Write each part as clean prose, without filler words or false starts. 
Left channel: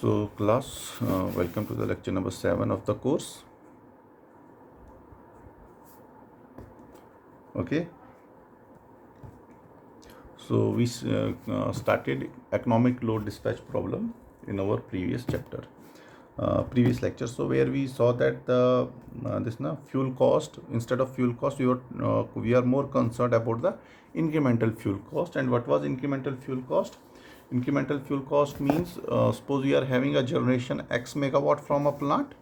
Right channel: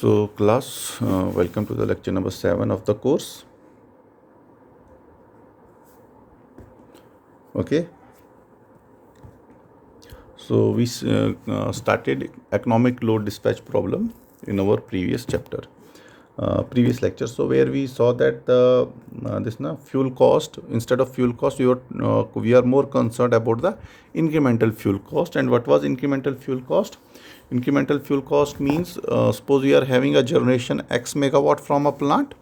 So class, welcome to the lecture number 7 of the course. Okay, so we started economic load dispatch problem in our previous chapter, previous lecture. So where we saw that the fuel cost, instead of fuel cost, we are more concerned about the incremental fuel cost. And what was incremental fuel cost? Incremental fuel cost means, suppose we are having a generation X megawatt from a plant.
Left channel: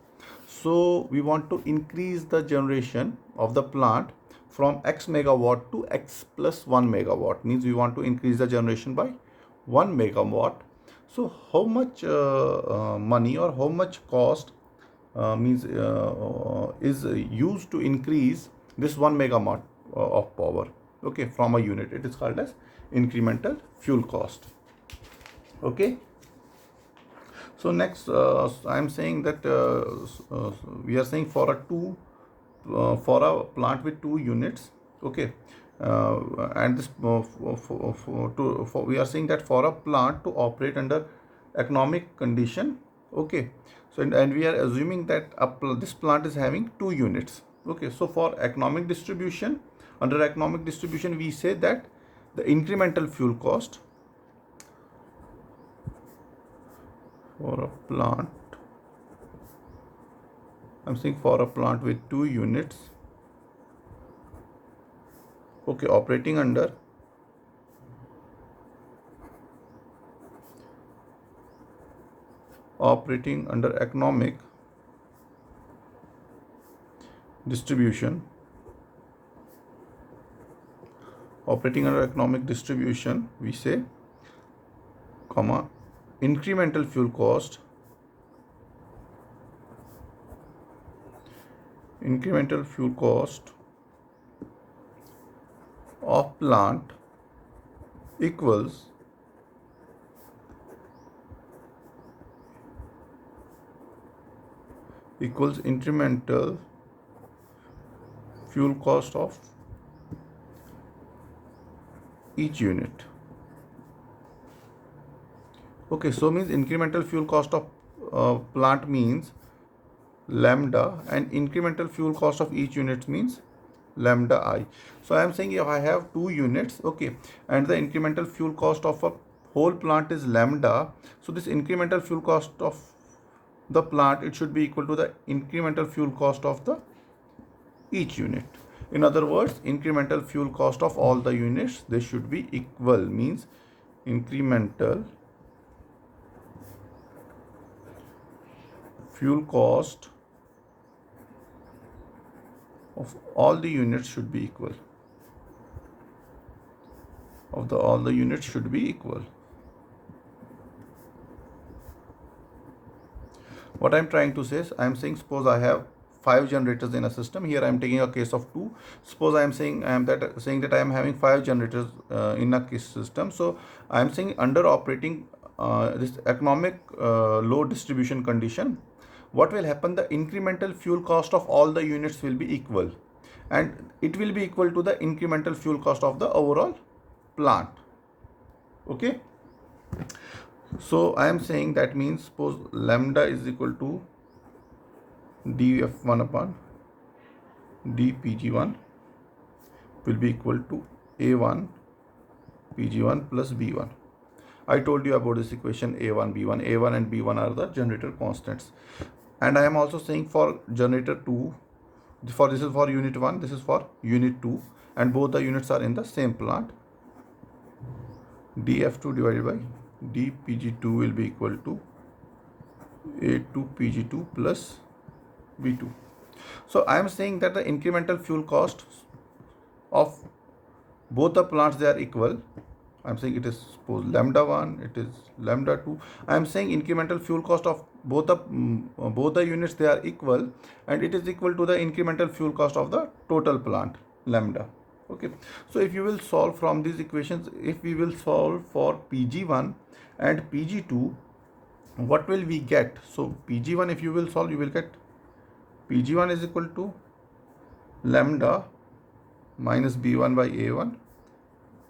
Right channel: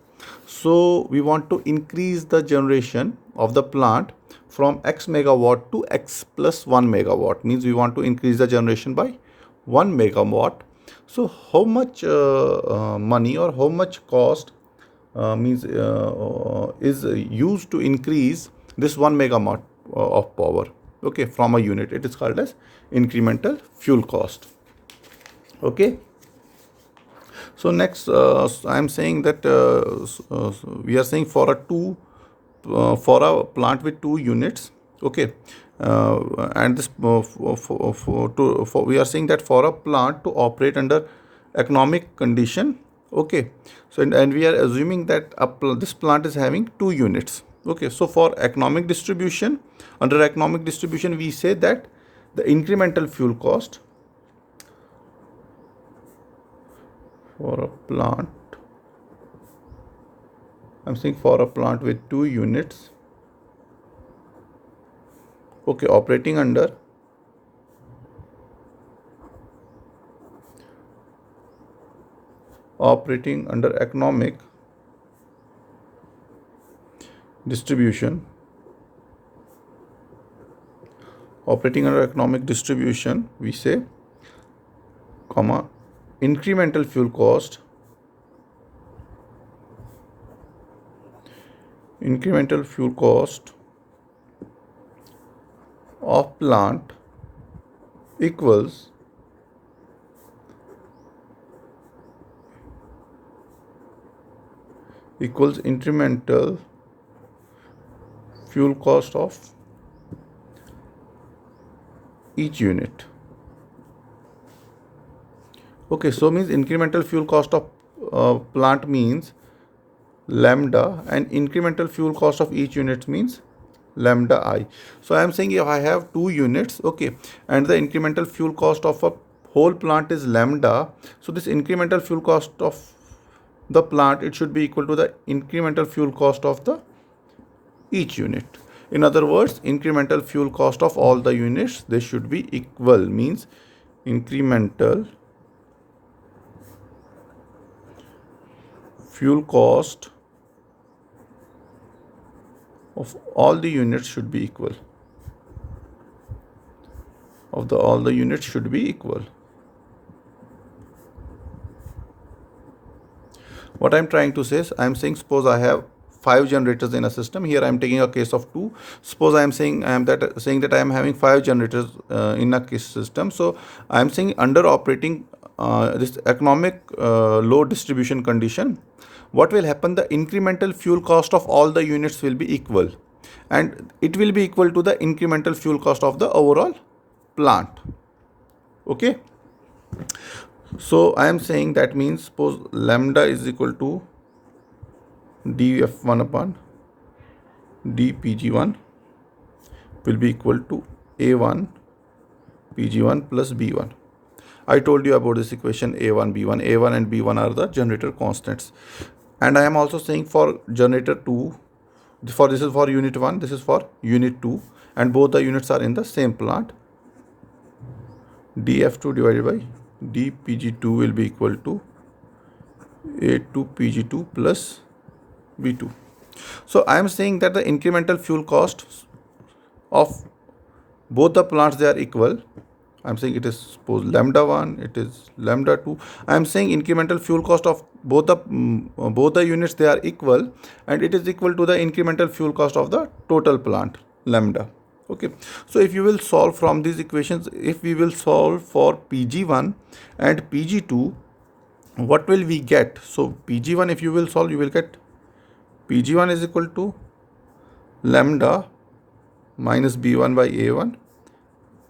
So we want to increase the generation of the plant from X megawatt to X plus 1 megawatt, means we want to increase the generation by 1 megawatt. So how much money or how much cost means is used to increase this 1 megawatt of power, okay, from a unit? It is called as incremental fuel cost. Okay, so next I am saying that we are saying for a plant with 2 units, okay, and this we are saying that for a plant to operate under economic condition, okay. So and we are assuming that this plant is having 2 units, okay. So for economic distribution, under economic distribution, we say that the incremental fuel cost for a plant, I'm saying for a plant with 2 units, okay, operating under economic distribution, we say, comma, incremental fuel cost of plant equals incremental fuel cost of each unit. Okay, so means incremental fuel cost of plant means lambda, and incremental fuel cost of each unit means lambda I. So I am saying if I have 2 units, okay, and the incremental fuel cost of a whole plant is lambda, so this incremental fuel cost of the plant, it should be equal to the incremental fuel cost of the each unit. In other words, incremental fuel cost of all the units, they should be equal, means incremental fuel cost of all the units should be equal. All the units should be equal. What I'm trying to say is, I'm saying, suppose I have 5 generators in a system. Here I'm taking a case of 2. Suppose I'm saying that I am having 5 generators in a case system. So I'm saying under operating this economic load distribution condition, what will happen? The incremental fuel cost of all the units will be equal, and it will be equal to the incremental fuel cost of the overall plant. Okay. So I am saying that means, suppose lambda is equal to df1 upon dpg1 will be equal to a1 pg1 plus b1. I told you about this equation a1 and b1 are the generator constants. And I am also saying for generator 2, this is for unit 1, this is for unit 2, and both the units are in the same plant. df2 divided by dpg2 will be equal to a2 pg2 plus b2. So I am saying that the incremental fuel cost of both the plants, they are equal. I'm saying it is, suppose lambda 1, it is lambda 2. I'm saying incremental fuel cost of both the units, they are equal, and it is equal to the incremental fuel cost of the total plant, lambda. Okay, so if you will solve from these equations, if we will solve for pg1 and pg2, what will we get? So pg1, if you will solve, you will get pg1 is equal to lambda minus b1 by a1,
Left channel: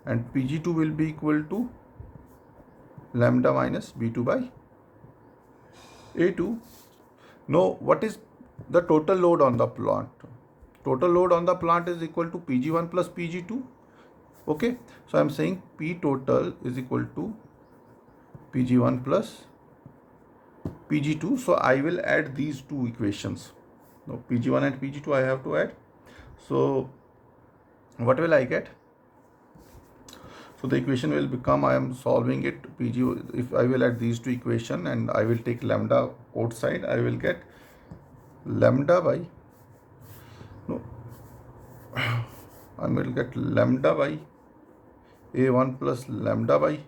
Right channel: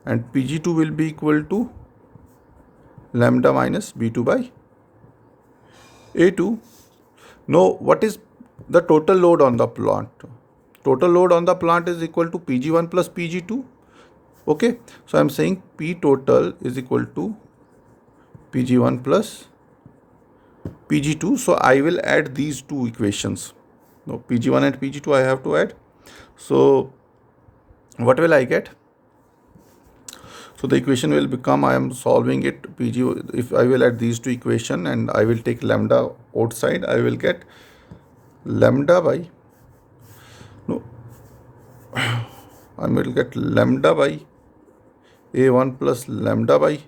and pg2 will be equal to lambda minus b2 by A2. Now what is the total load on the plant? Total load on the plant is equal to Pg1 plus Pg2. Okay, so I'm saying P total is equal to Pg1 plus Pg2. So I will add these two equations. Now Pg1 and Pg2 I have to add. So what will I get? So the equation will become, I am solving it, Pg, if I will add these two equation and I will take lambda outside, I will get lambda by, no, I will get lambda by A1 plus lambda by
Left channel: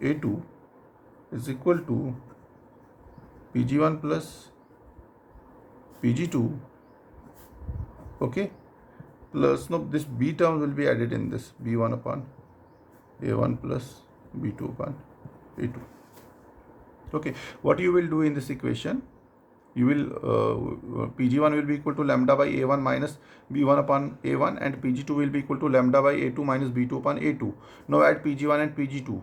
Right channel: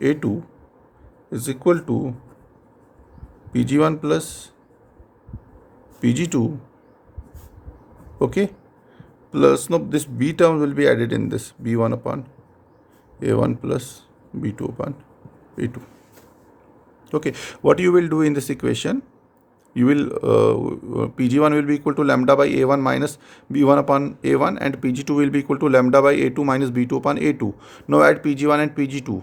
A2 is equal to Pg1 plus Pg2, okay, plus, no, this B term will be added in this, B1 upon A1 plus B2 upon A2. Okay, what you will do in this equation, you will Pg1 will be equal to lambda by A1 minus B1 upon A1, and Pg2 will be equal to lambda by A2 minus B2 upon A2. Now add Pg1 and Pg2.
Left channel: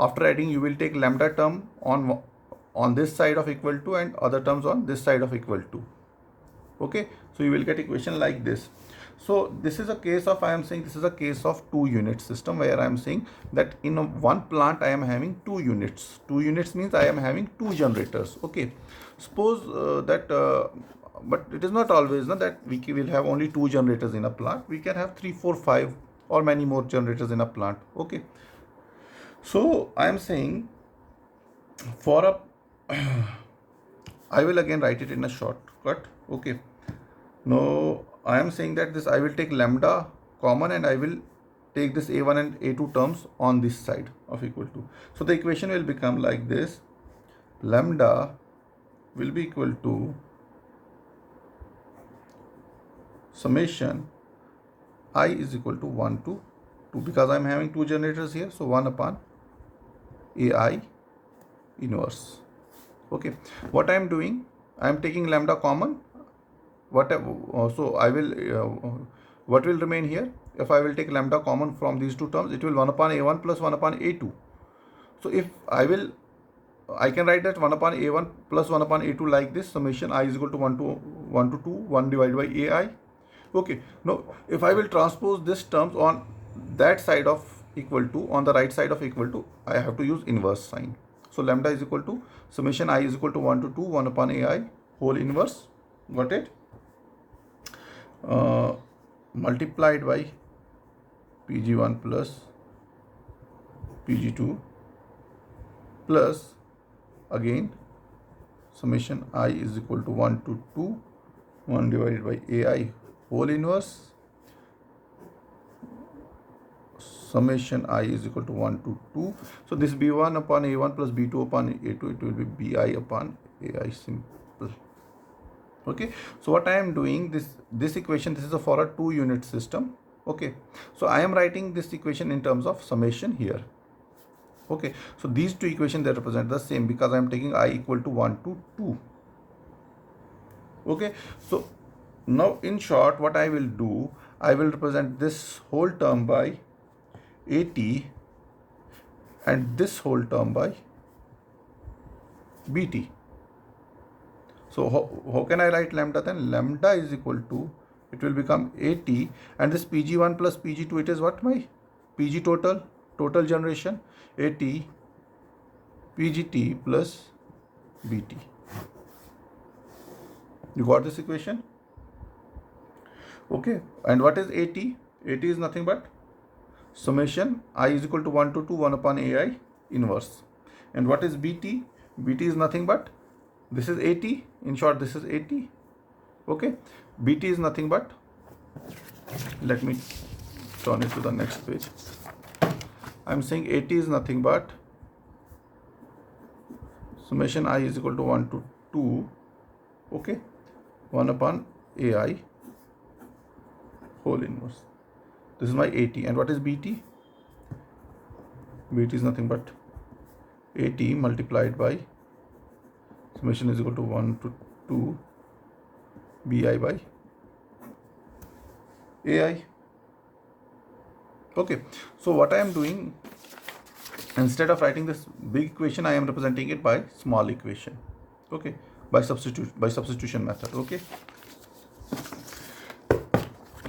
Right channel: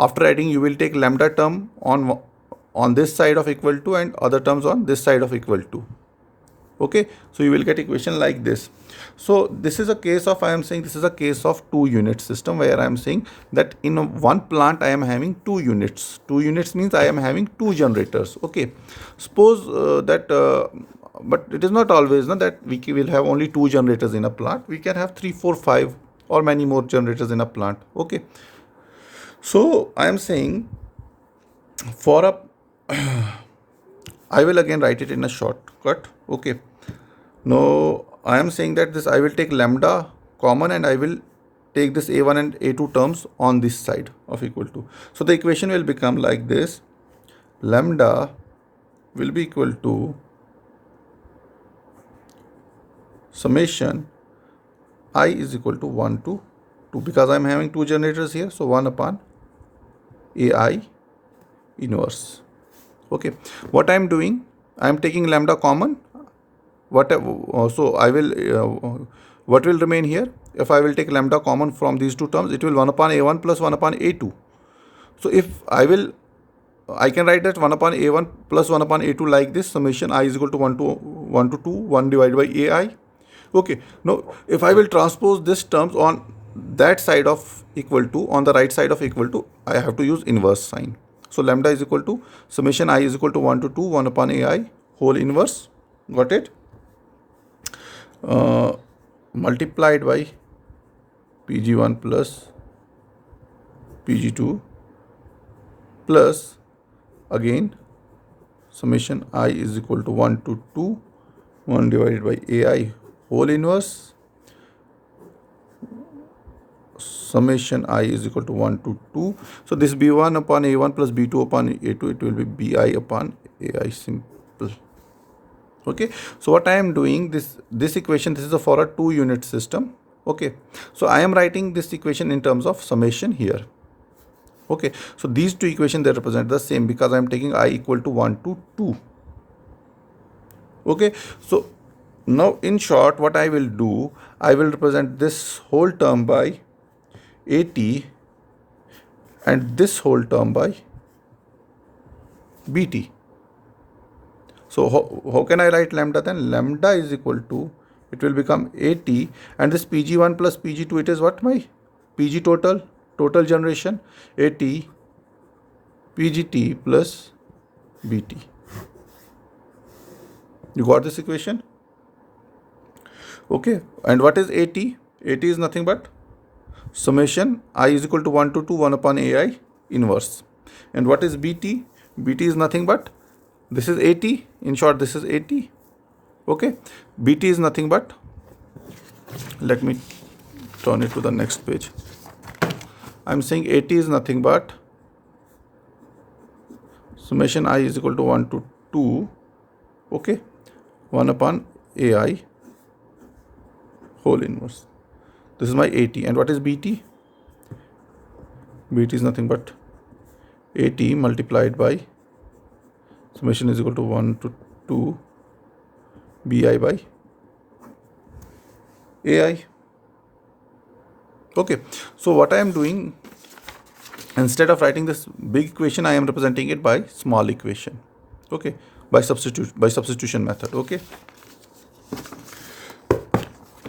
After adding, you will take lambda term on this side of equal to and other terms on this side of equal to. Okay, so you will get equation like this. So this is a case of, I am saying this is a case of 2 unit system, where I am saying that in one plant I am having 2 units. 2 units means I am having 2 generators. Okay, suppose but it is not always that we will have only 2 generators in a plant. We can have 3, 4, 5 or many more generators in a plant. Okay, so I am saying for a I will again write it in a shortcut. Okay, now I am saying that this I will take lambda common and I will take this A1 and A2 terms on this side of equal to. So the equation will become like this: lambda will be equal to summation I is equal to 1 to 2, because I am having 2 generators here, so 1 upon AI inverse. Okay, what I am doing, I am taking lambda common. So I will what will remain here? If I will take lambda common from these two terms, it will 1 upon A1 plus 1 upon A2. So if I can write that 1 upon A1 plus 1 upon A2 like this: summation I is equal to 1 to 2, 1 divided by AI. Okay, now if I will transpose this terms on that side of equal to, on the right side of equal to, I have to use inverse sign. So lambda is equal to summation I is equal to 1 to 2, 1 upon AI whole inverse. Got it? Multiplied by Pg1 plus Pg2 plus again summation I is equal to 1 to 2, 1 divided by AI whole inverse, summation I is equal to 1 to 2. So this B1 upon A1 plus B2 upon A2, it will be BI upon AI simple. Okay, so what I am doing, this equation, this is for a 2 unit system. Okay, so I am writing this equation in terms of summation here. Okay, so these two equations, they represent the same, because I am taking I equal to 1 to 2. Okay, so now in short, what I will do, I will represent this whole term by AT and this whole term by BT. So how can I write lambda then? Lambda is equal to, it will become AT, and this Pg1 plus Pg2, it is what, my Pg total generation, AT Pgt plus BT. You got this equation? Okay, and what is AT? AT is nothing but summation I is equal to 1 to 2, 1 upon AI inverse. And what is BT? BT is nothing but, this is AT, in short this is AT. Okay, BT is nothing but, let me turn it to the next page. I'm saying AT is nothing but summation I is equal to 1 to 2, okay, 1 upon AI whole inverse. This is my AT. And what is BT? BT is nothing but AT multiplied by summation is equal to 1 to 2 BI by AI. Okay, so what I am doing, instead of writing this big equation, I am representing it by small equation. Okay, by substitution method. Okay,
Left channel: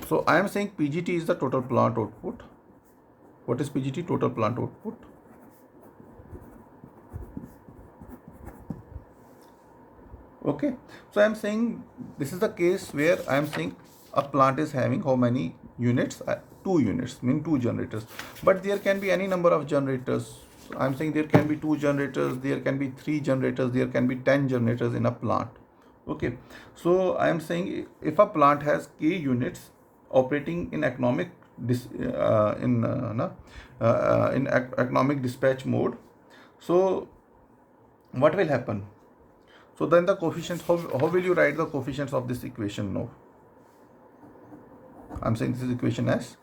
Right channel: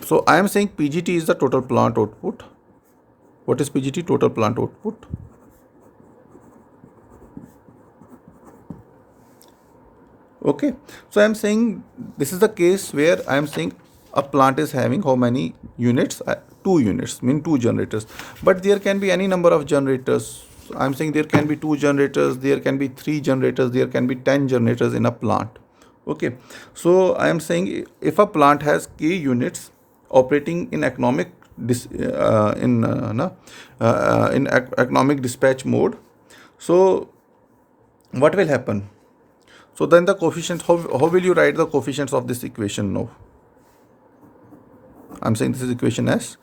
so I am saying PGT is the total plant output. What is PGT? Total plant output. Okay, so I am saying this is the case where I am saying a plant is having how many units? 2 units, mean 2 generators, but there can be any number of generators. I am saying there can be 2 generators, there can be 3 generators, there can be 10 generators in a plant. Okay, so I am saying if a plant has k units operating in economic economic dispatch mode, so what will happen? So then the coefficients, how will you write the coefficients of this equation now? I'm saying this is equation S.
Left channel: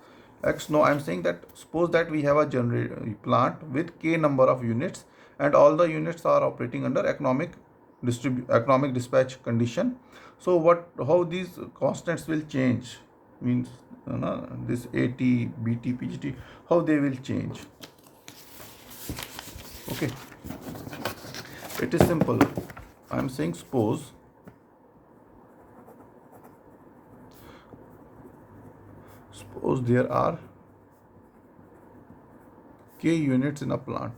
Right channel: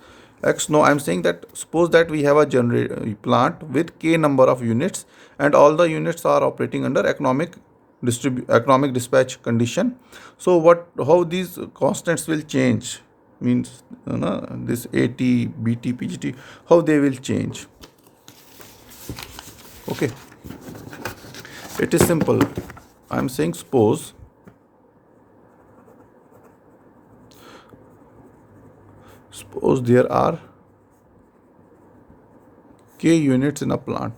X, no, I'm saying that suppose that we have a plant with k number of units and all the units are operating under economic dispatch condition. So how these constants will change? Means this AT, BT, PGT, how they will change? Okay, it is simple. I'm saying suppose there are k units in a plant.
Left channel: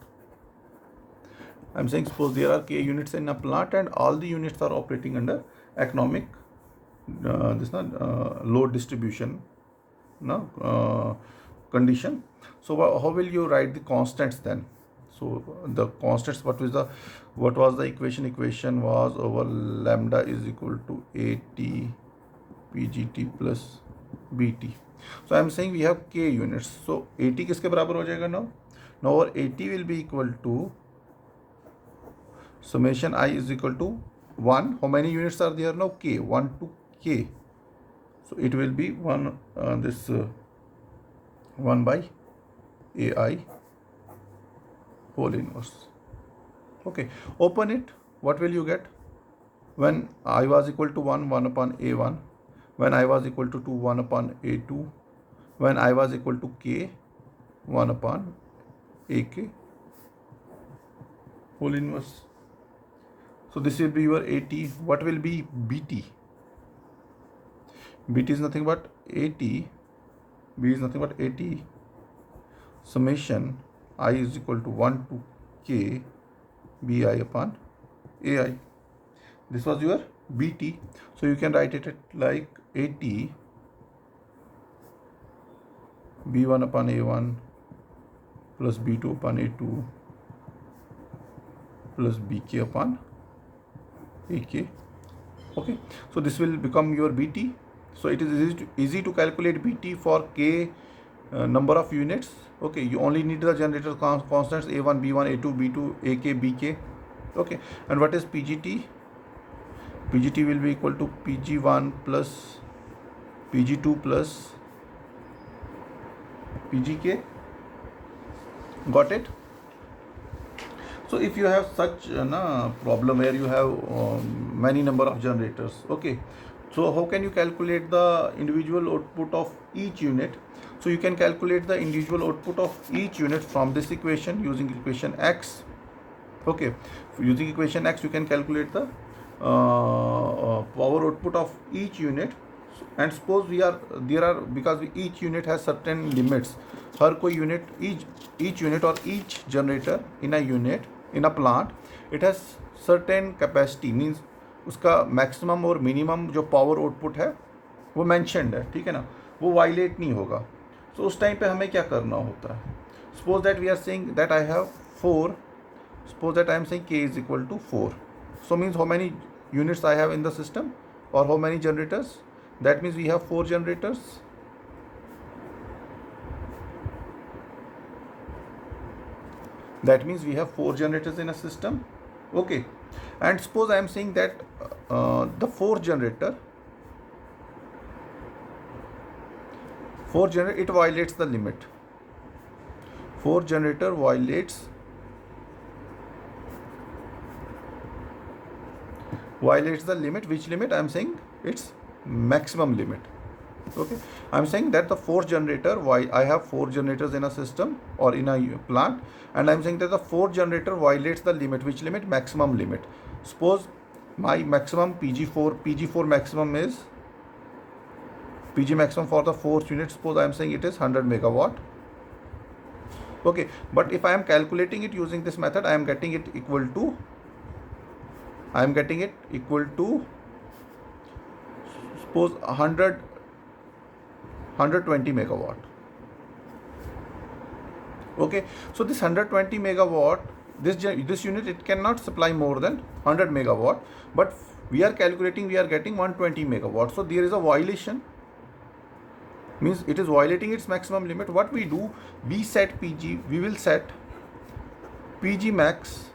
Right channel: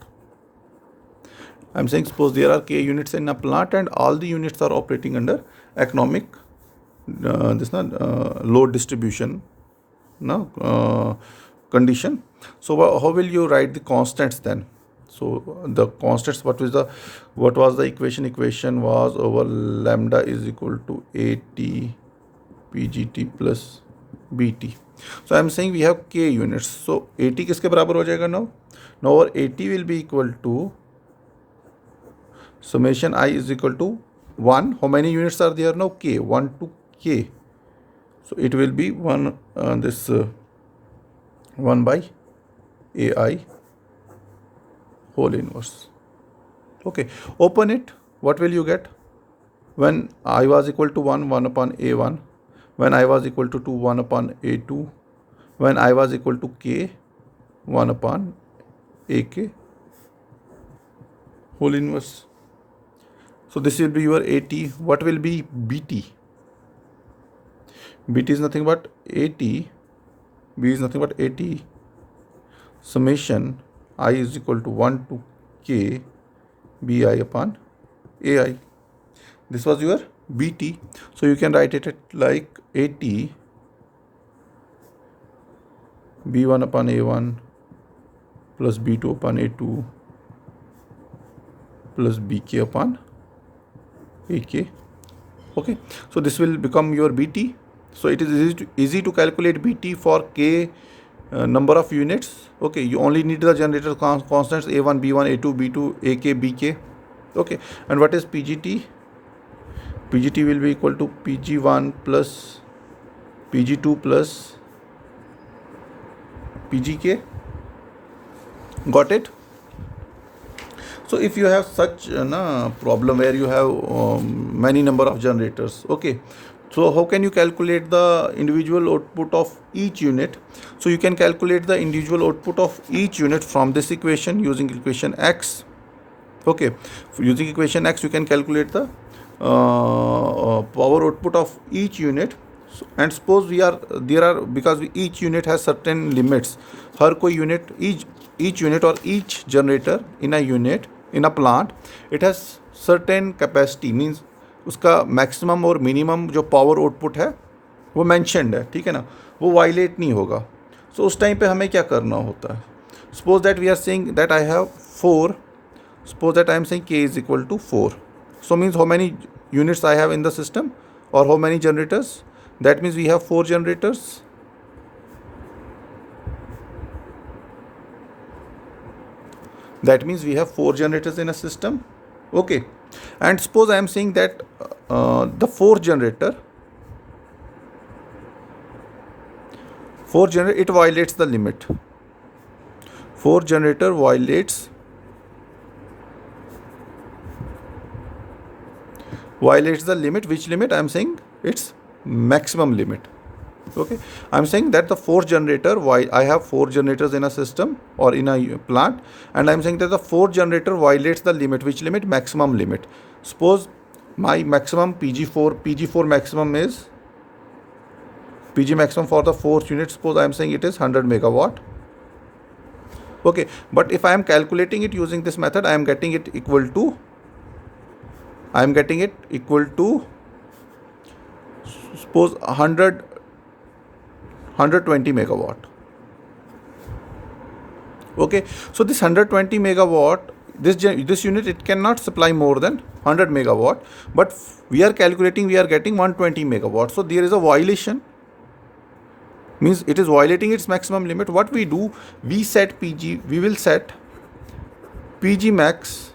I'm saying suppose there are k units in a plant and all the units are operating under economic load distribution condition. So how will you write the constants then? So the constants, what was the equation? Equation was over lambda is equal to AT PGT plus BT. So I am saying we have k units. So AT किसके बराबर हो जाएगा now? Now our AT will be equal to summation I is equal to 1. How many units are there now? K. 1 to k. So it will be 1 1 by AI whole inverse. Okay, open it. What will you get? When I was equal to 1, 1 upon A1. When I was equal to 2, 1 upon A2. When I was equal to K, 1 upon AK whole inverse. So this will be your AT. What will be BT? BT is nothing but AT. B is nothing but AT summation I is equal to 1 to K BI upon AI. This was your BT. So you can write it like AT B1 upon A1 plus B2 upon A2 plus BK upon AK. Okay, so this will become your BT. So it is easy to calculate BT for k number of units. Okay, you only need the generator constants A1, B1, A2, B2, AK, BK. Okay, and what is PGT? PGT will be equal to PG1 plus PG2 plus PGK. Got it? So if you have such a problem where you have many number of generators, okay, so how can you calculate the individual output of each unit? So you can calculate the individual output of each unit from this equation using equation X. Okay, using equation X you can calculate the power output of each unit. And suppose because each unit has certain limits. हर कोई unit, each unit or each generator in a plant, it has certain capacity, means उसका maximum और minimum जो power output है वो mentioned है, ठीक है ना, वो वायलेट नहीं होगा. सो उस टाइम पे हमें क्या करना होता है? Suppose that we are saying that I have 4, suppose that I am saying k is equal to 4. So means how many units I have in the system or how many generators? That means we have 4 generators. That means we have 4 generators in a system. Okay, and suppose I am saying that the 4th generator, it violates the limit. 4th generator violates the limit. Which limit? I am saying its maximum limit. Okay, I am saying that the 4th generator, why I have 4 generators in a system or in a plant, and I am saying that the 4th generator violates the limit. Which limit? Maximum limit. Suppose my maximum PG4 maximum is PG maximum for the fourth unit. Suppose I am saying it is 100 megawatt. Okay, but if I am calculating it using this method, I am getting it equal to suppose 120 megawatt. Okay, so this 120 megawatt, this unit, it cannot supply more than 100 megawatt, but we are calculating, we are getting 120 megawatt. So there is a violation, means it is violating its maximum limit. What we do, we will set PG max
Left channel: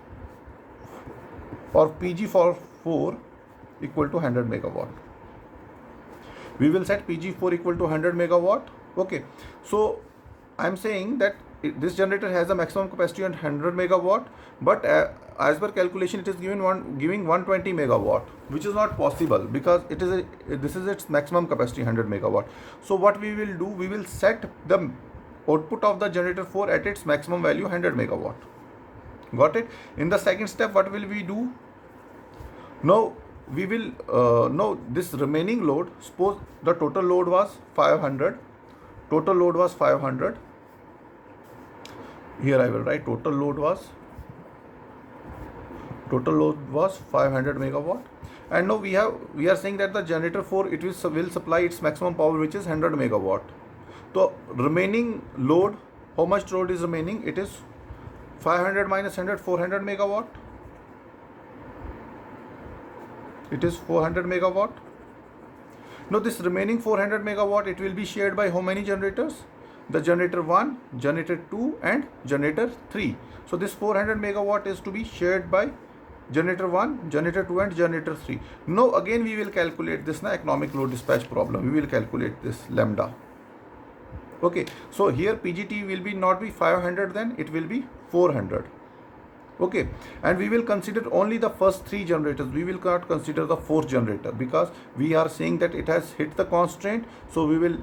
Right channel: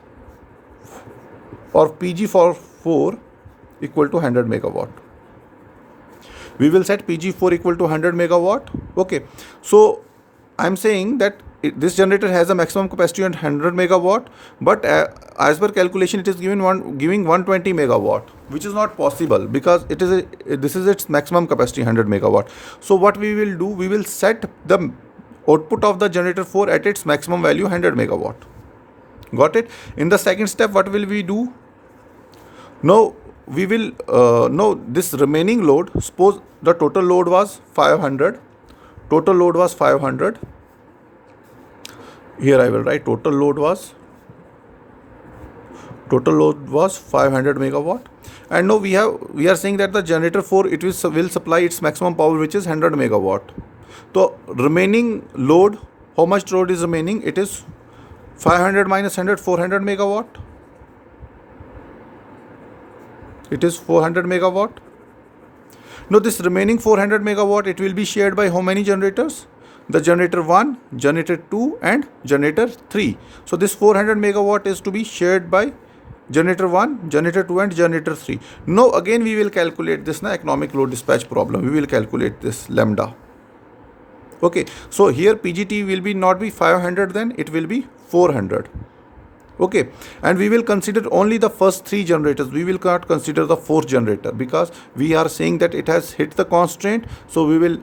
or PG for 4 equal to 100 megawatt. We will set PG4 equal to 100 megawatt. Okay, so I am saying that this generator has a maximum capacity of 100 megawatt, but as per calculation, it is giving 120 megawatt, which is not possible because this is its maximum capacity 100 megawatt. So what we will do, we will set the output of the generator 4 at its maximum value 100 megawatt. Got it? In the second step, what will we do? Now we will this remaining load, suppose the total load was 500. Here I will write total load was 500 megawatt, and now we are saying that the generator 4, it will supply its maximum power, which is 100 megawatt. So remaining load, how much load is remaining? It is 500 minus 100, 400 megawatt. It is 400 megawatt. Now this remaining 400 megawatt, it will be shared by how many generators? The generator 1, generator 2 and generator 3. So this 400 megawatt is to be shared by generator 1, generator 2 and generator 3. Now again we will calculate this economic load dispatch problem. We will calculate this lambda. Okay, so here PGT will be not be 500, then it will be 400. Okay, and we will consider only the first 3 generators. We will not consider the 4th generator because we are saying that it has hit the constraint. So we will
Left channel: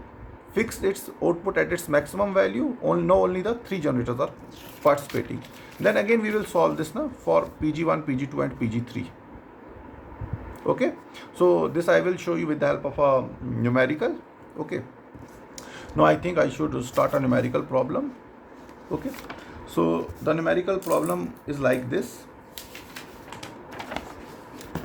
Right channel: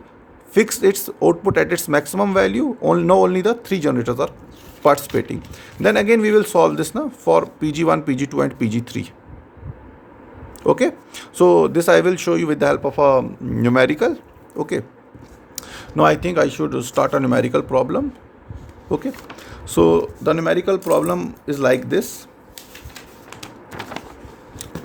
fix its output at its maximum value. Only the 3 generators are participating. Then again we will solve this now for PG1, PG2 and PG3. Okay, so this I will show you with the help of a numerical. Okay, now I think I should start a numerical problem. Okay, so the numerical problem is like this.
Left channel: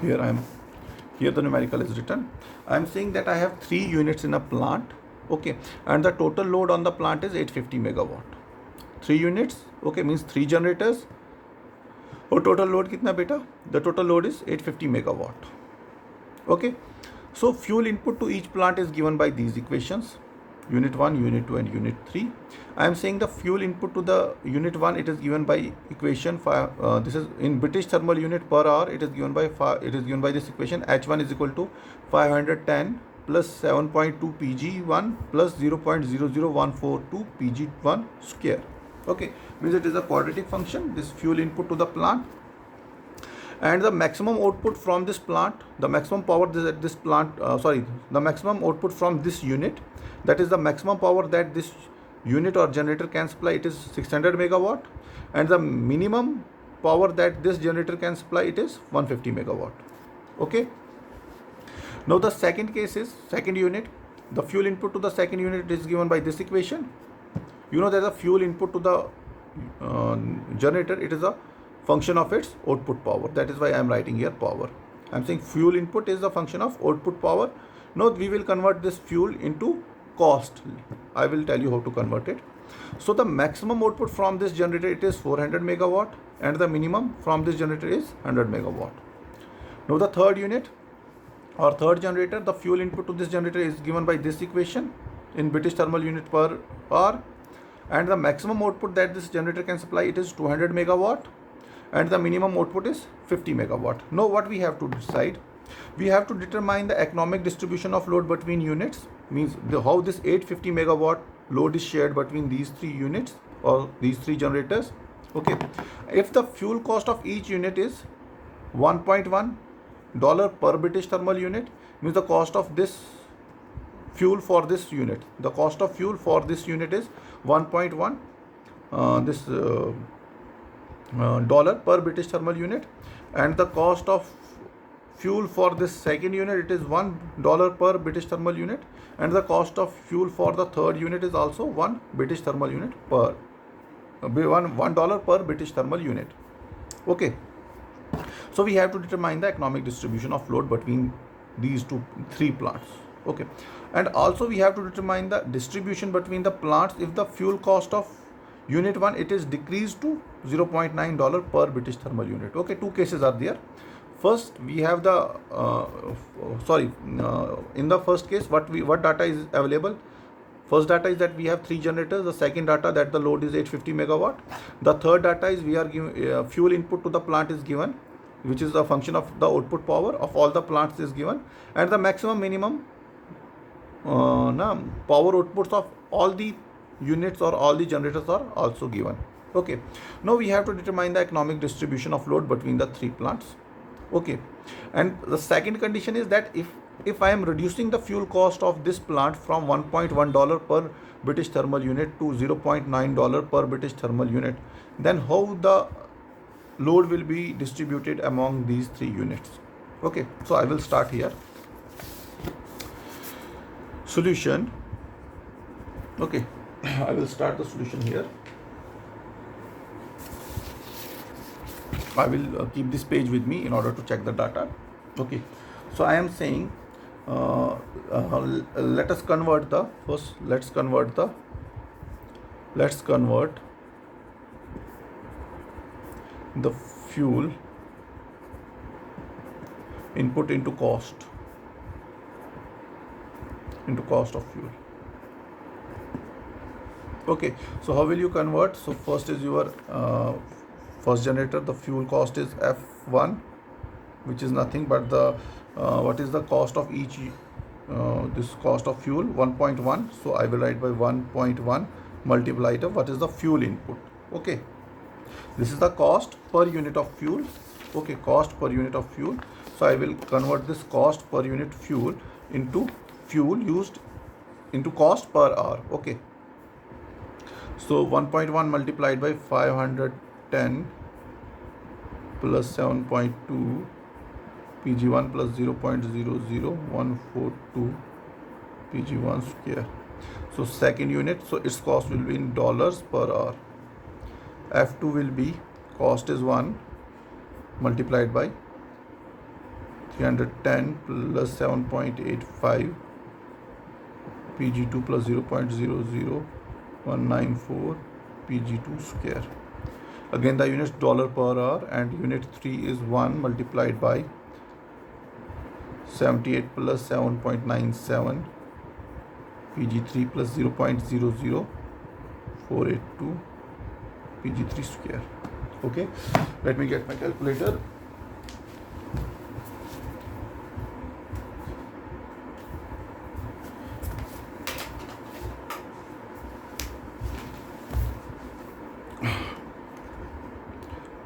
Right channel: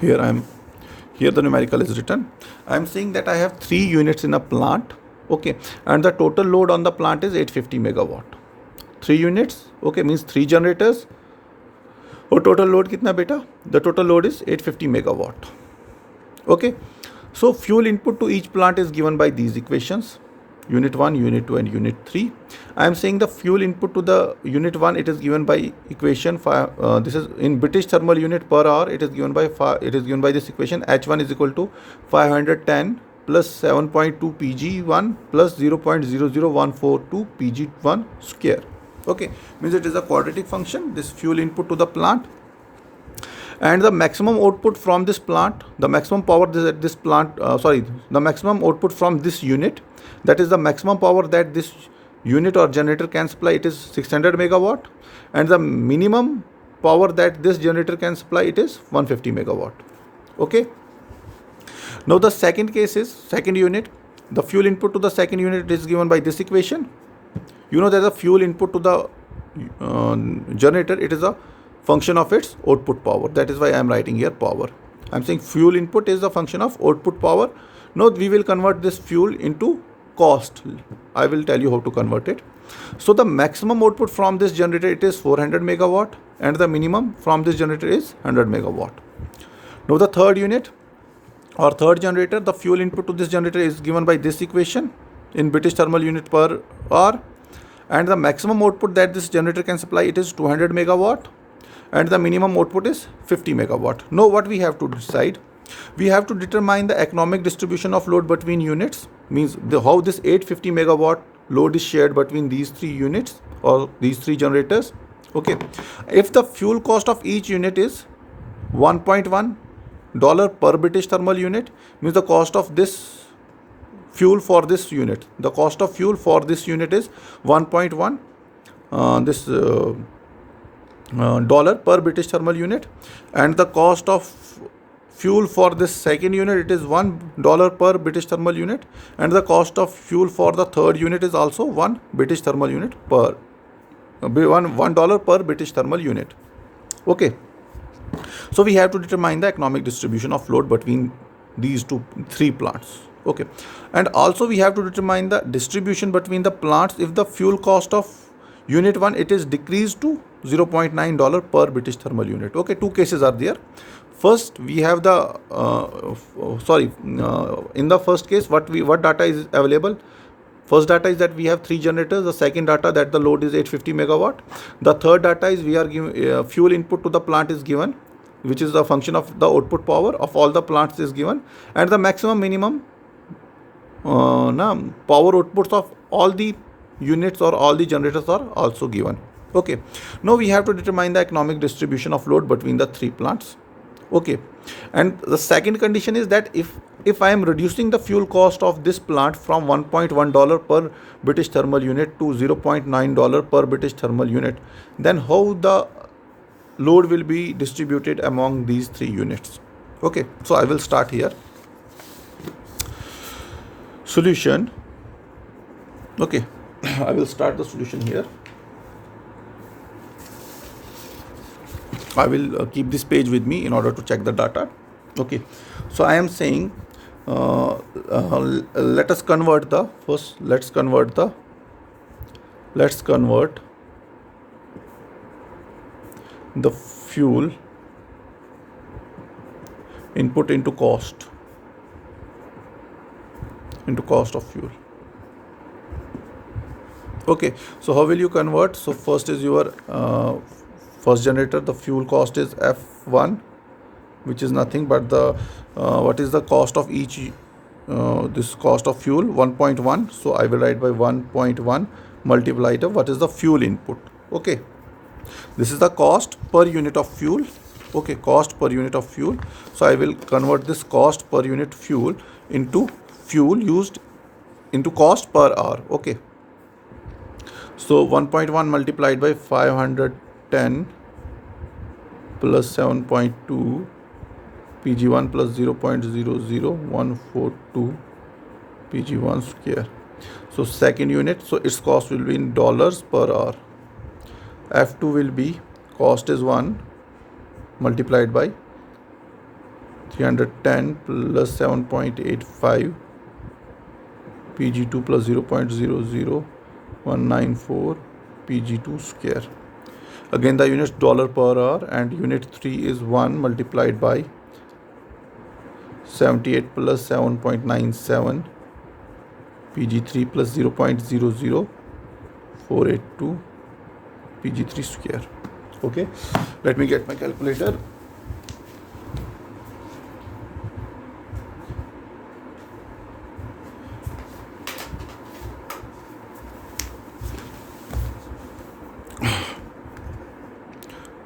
Here the numerical is written. I am saying that I have 3 units in a plant. Okay, and the total load on the plant is 850 megawatt. 3 units, okay, means 3 generators. और total load कितना बेटा? The total load is 850 megawatt. Okay, so fuel input to each plant is given by these equations: unit 1, unit 2 and unit 3. I am saying the fuel input to the unit 1, it is given by equation 5. This is in British thermal unit per hour. It is given by this equation: H1 is equal to 510 plus 7.2 Pg1 plus 0.00142 Pg1 square. Okay, means it is a quadratic function, this fuel input to the plant. And the maximum output from this plant, the maximum power that this plant, the maximum output from this unit, that is the maximum power that this unit or generator can supply, it is 600 megawatt. And the minimum power that this generator can supply, it is 150 megawatt. Okay. Now the second case is second unit. The fuel input to the second unit is given by this equation. You know that the fuel input to the generator, it is a function of its output power. That is why I am writing here power. I am saying fuel input is a function of output power. Now we will convert this fuel into cost. I will tell you how to convert it. So the maximum output from this generator, it is 400 megawatt, and the minimum from this generator is 100 megawatt. Now the third unit or third generator, the fuel input to this generator is given by this equation in British thermal unit per hour, and the maximum output that this generator can supply, it is 200 megawatt, and the minimum output is 50 megawatt. Now what we have to decide? We have to determine the economic distribution of load between units, means how this 850 megawatt load is shared between these 3 units or these 3 generators. Okay, if the fuel cost of each unit is $1.1 per British thermal unit, means the cost of this fuel for this unit, the cost of fuel for this unit is 1.1 dollar per British thermal unit, and the cost of fuel for this second unit, it is $1 per British thermal unit, and the cost of fuel for the third unit is also $1 per British thermal unit. Okay, so we have to determine the economic distribution of load between these three plants. Okay, and also we have to determine the distribution between the plants if the fuel cost of unit 1 it is decreased to $0.9 per British thermal unit. Okay, two cases are there. First, we have the in the first case, what data is available? First data is that we have 3 generators. The second data that the load is 850 megawatt. The third data is we are giving fuel input to the plant is given, which is a function of the output power of all the plants is given, and the maximum minimum power outputs of all the units or all the generators are also given. Okay, now we have to determine the economic distribution of load between the three plants. Okay, and the second condition is that if I am reducing the fuel cost of this plant from $1.1 per British thermal unit to $0.9 per British thermal unit, then how the load will be distributed among these three units. Okay, so I will start here. Solution. Okay, I will start the solution here. I will keep this page with me in order to check the data. Okay, so I am saying let's convert the fuel input into cost of fuel. Okay, so how will you convert? So first is your first generator, the fuel cost is F1, which is nothing but the what is the cost of each this cost of fuel? 1.1. So I will write by 1.1 multiplied by what is the fuel input. Okay, this is the cost per unit of fuel. Okay, cost per unit of fuel. So I will convert this cost per unit fuel into fuel used into cost per hour. Okay, so 1.1 multiplied by 510 plus 7.2 Pg1 plus 0.00142 Pg1 square. So second unit, so its cost will be in dollars per hour. F2 will be cost is 1 multiplied by 310 plus 7.85 Pg2 plus 0.00194 Pg2 square. Again the units dollar per hour, and unit 3 is 1 multiplied by 78 plus 7.97 Pg3 plus 0.00482 Pg3 square. Okay, let me get my calculator.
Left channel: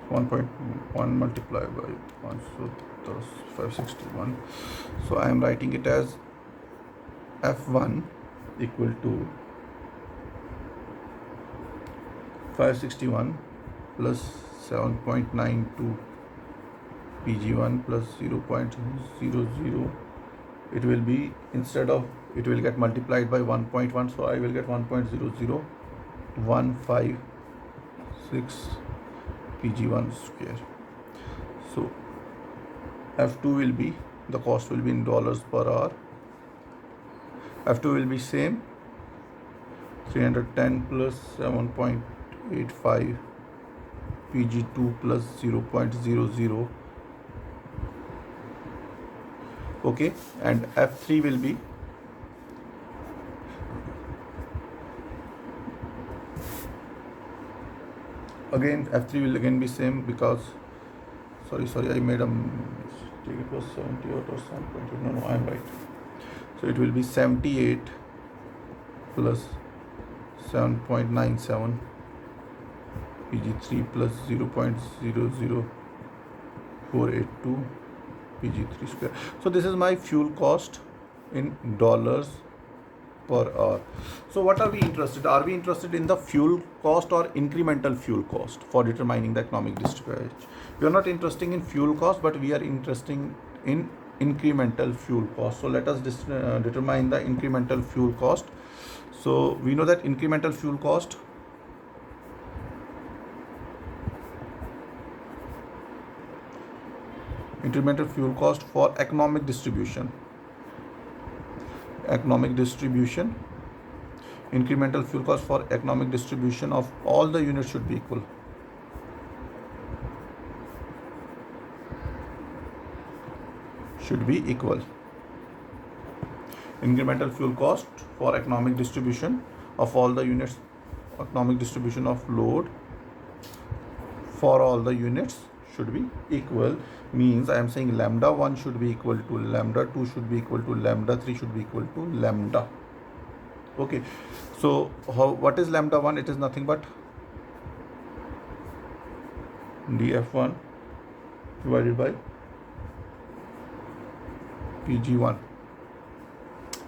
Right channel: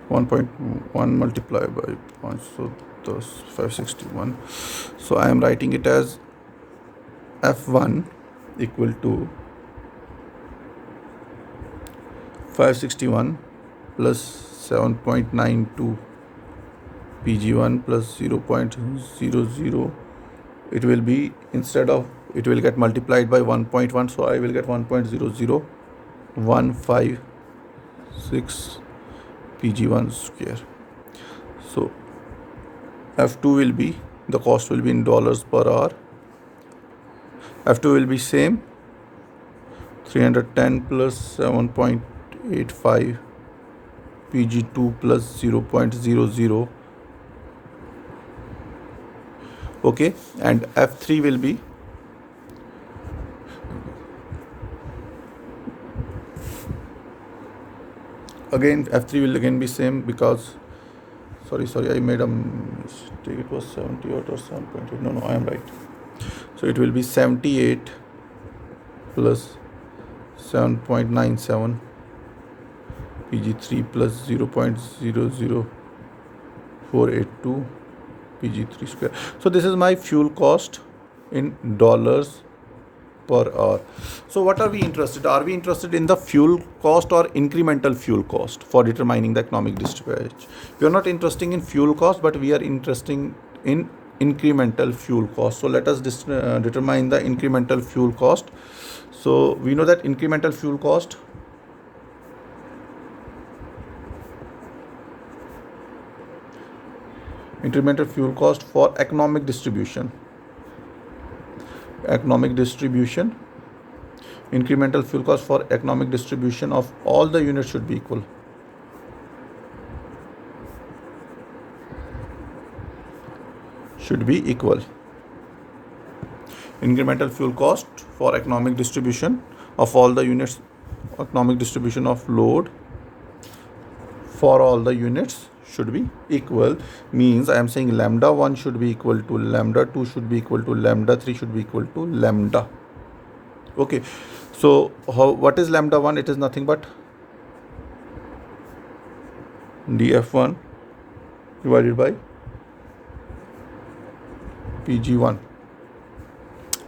(1.1 multiplied by 1, so that's 561. So I am writing it as F1 equal to 561 plus 7.92 Pg1 plus 0.00. It will be, instead of, it will get multiplied by 1.1, so I will get 1.00156 Pg1 square. So F2 will be, the cost will be in dollars per hour. F2 will be same, 310 plus 7.85 Pg2 plus 0.00. Okay, and F3 will be again, F3 will again be same because sorry I made a mistake, it was 78 or 7.8. No, I am right. So it will be 78 plus 7.97 Pg3 plus 0.00482 Pg3 square. So this is my fuel cost in dollars per hour. So what are we interested? Are we interested in the fuel cost or incremental fuel cost for determining the economic distribution? We are not interested in fuel cost, but we are interested in incremental fuel cost. So let us determine the incremental fuel cost. So we know that incremental fuel cost for economic distribution, incremental fuel cost for economic distribution of all the units should be equal. Incremental fuel cost for economic distribution of all the units, economic distribution of load for all the units should be equal. Means I am saying lambda 1 should be equal to lambda 2 should be equal to lambda 3 should be equal to lambda. Okay, so what is lambda 1? It is nothing but df1 divided by pg1.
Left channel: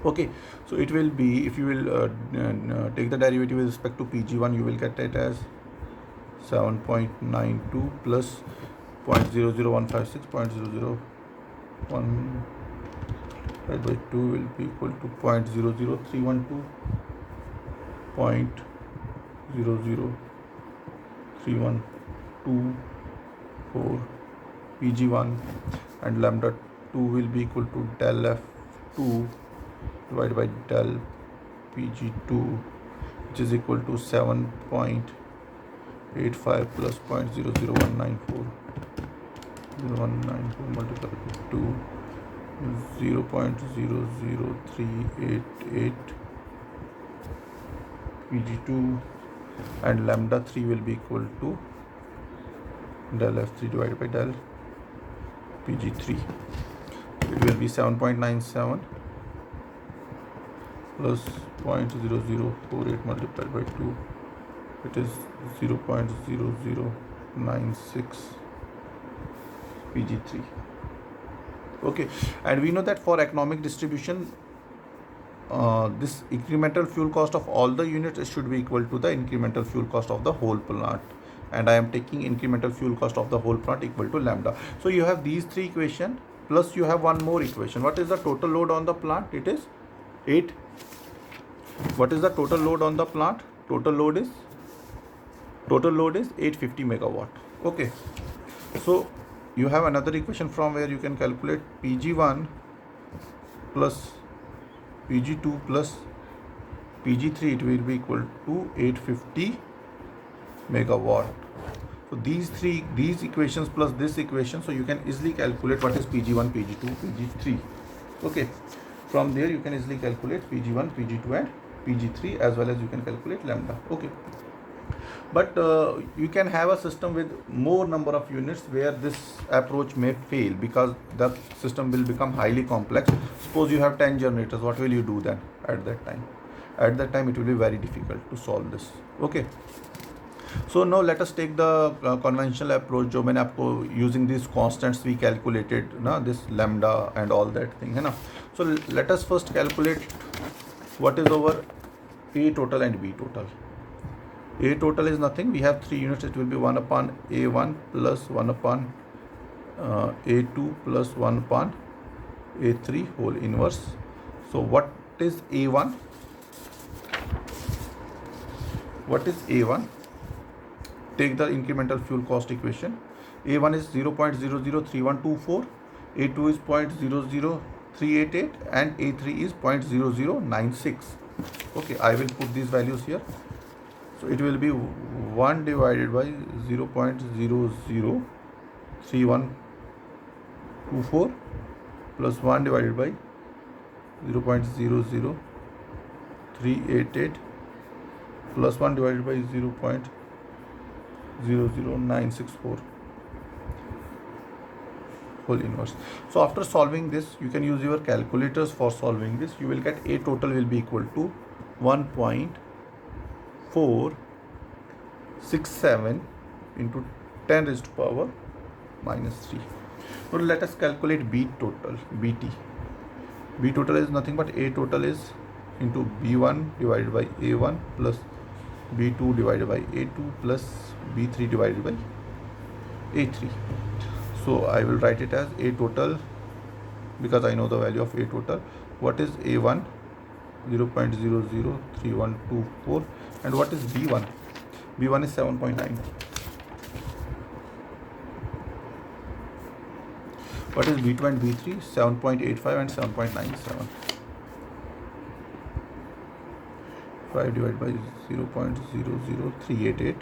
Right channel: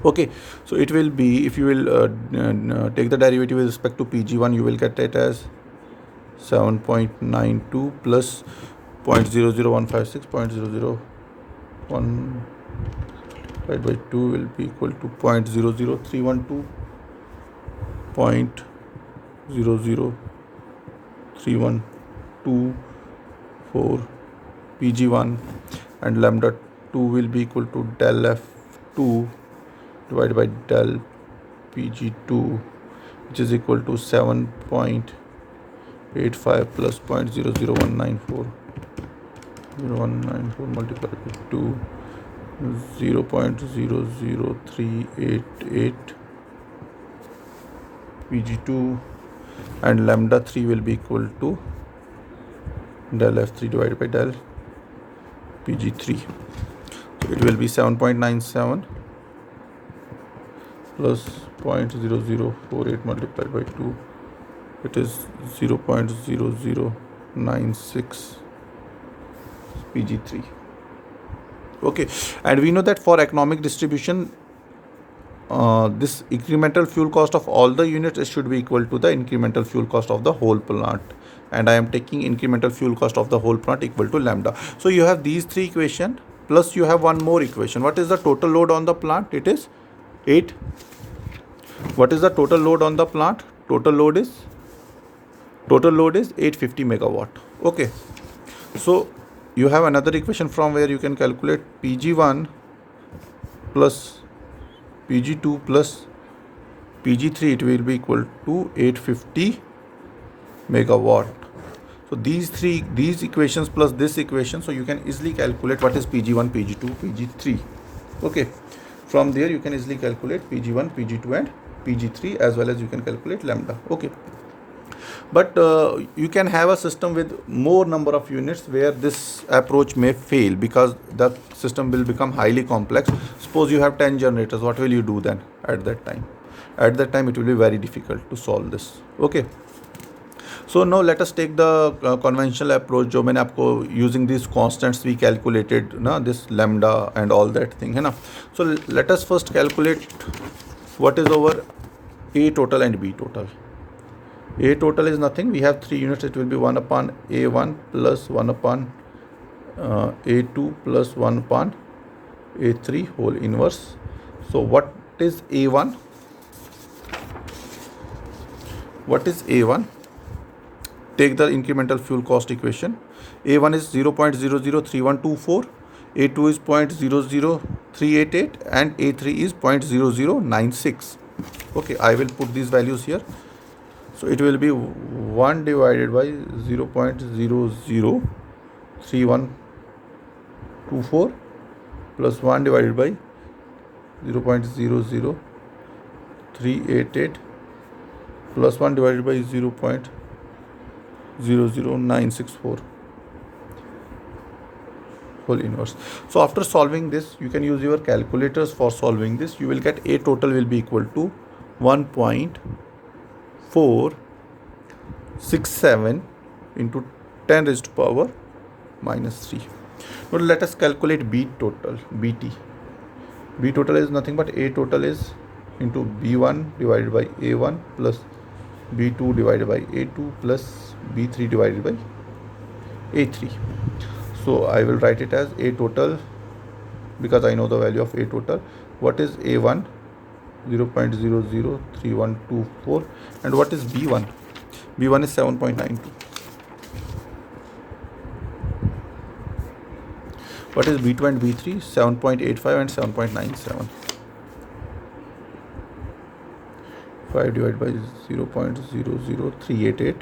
Okay, so it will be, if you will take the derivative with respect to pg1, you will get it as 7.92 plus 0.00156, 0.001 divided by 2 will be equal to 0.00312, 0.00312 pg1, and lambda 2 will be equal to del f2 divided by del pg2, which is equal to 7.85 plus 0.00194 multiplied by 2, 0.00388 pg2, and lambda 3 will be equal to del f3 divided by del pg3. So it will be 7.97 plus 0.0048 multiplied by 2, it is 0.0096 pg3. Okay, and we know that for economic distribution, this incremental fuel cost of all the units should be equal to the incremental fuel cost of the whole plant, and I am taking incremental fuel cost of the whole plant equal to lambda. So you have these three equations, plus you have one more equation. What is the total load on the plant? It is 8. What is the total load on the plant? Total load is 850 megawatt. Okay, so you have another equation from where you can calculate pg1 plus pg2 plus pg3. It will be equal to 850 megawatt. So these equations plus this equation, so you can easily calculate what is pg1, pg2, pg3. Okay, from there you can easily calculate pg1, pg2 and pg3, as well as you can calculate lambda. Okay, but you can have a system with more number of units where this approach may fail, because the system will become highly complex. Suppose you have 10 generators, what will you do then at that time? At that time it will be very difficult to solve this. Okay, so now let us take the conventional approach जो मैंने आपको using these constants we calculated ना, this lambda and all that thing है ना. So let us first calculate what is our A total and B total. A total is nothing, we have 3 units, it will be 1 upon A1 plus 1 upon A2 plus 1 upon A3 whole inverse. So what is A1? Take the incremental fuel cost equation. A1 is 0.003124, A2 is 0.00388 and A3 is 0.0096. Okay, I will put these values here. So it will be 1 divided by 0.003124 plus 1 divided by 0.00388 plus 1 divided by 0.00964 whole inverse. So after solving this, you can use your calculators for solving this. You will get A total will be equal to 1.467 into 10 raised to power minus 3. Now let us calculate B total, BT. B total is nothing but A total is into B1 divided by A1 plus B2 divided by A2 plus B3 divided by A3. So I will write it as A total because I know the value of A total. What is A1? 0.003124. And what is B1? B1 is 7.92. What is B2 and B3? 7.85 and 7.97. 5 divided by 0.00388.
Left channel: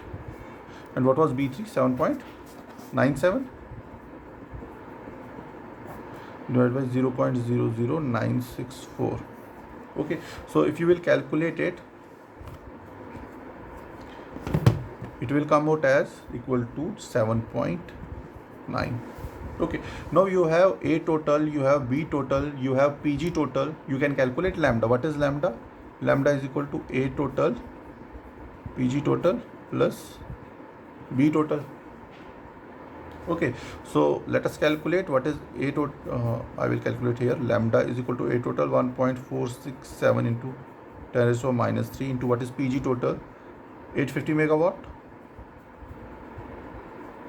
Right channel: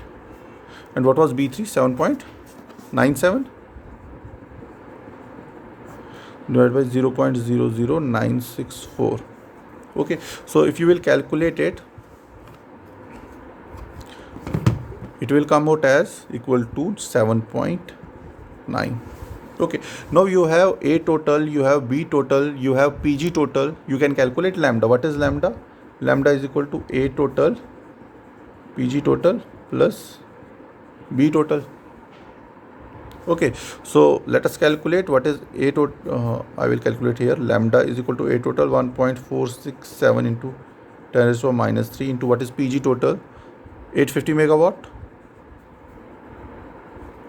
And what was B3? 7.97 divided by 0.00964. Okay, so if you will calculate it, it will come out as equal to 7.9. Okay, now you have A total, you have B total, you have PG total. You can calculate lambda. What is lambda? Lambda is equal to A total, PG total plus B total. Okay, so let us calculate what is A total. I will calculate here. Lambda is equal to A total 1.467 into 10 raised to minus 3 into what is PG total, 850 megawatt.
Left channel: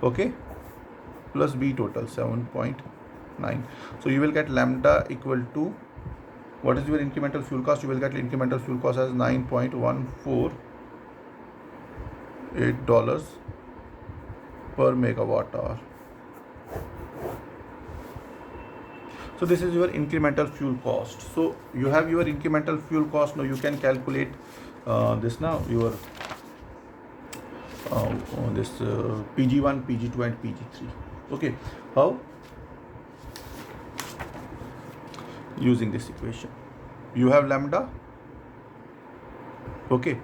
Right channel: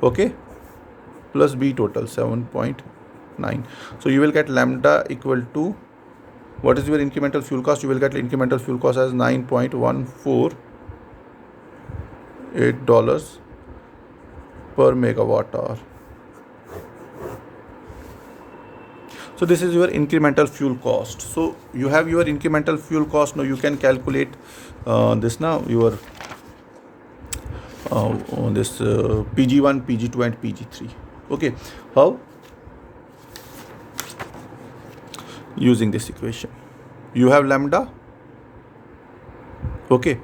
Okay, plus B total 7.9. So you will get lambda equal to, what is your incremental fuel cost? You will get incremental fuel cost as $9.148 per megawatt hour. So this is your incremental fuel cost. So you have your incremental fuel cost. Now you can calculate this now, your this PG1, PG2 and PG3. Okay, how? Using this equation. You have lambda. Okay,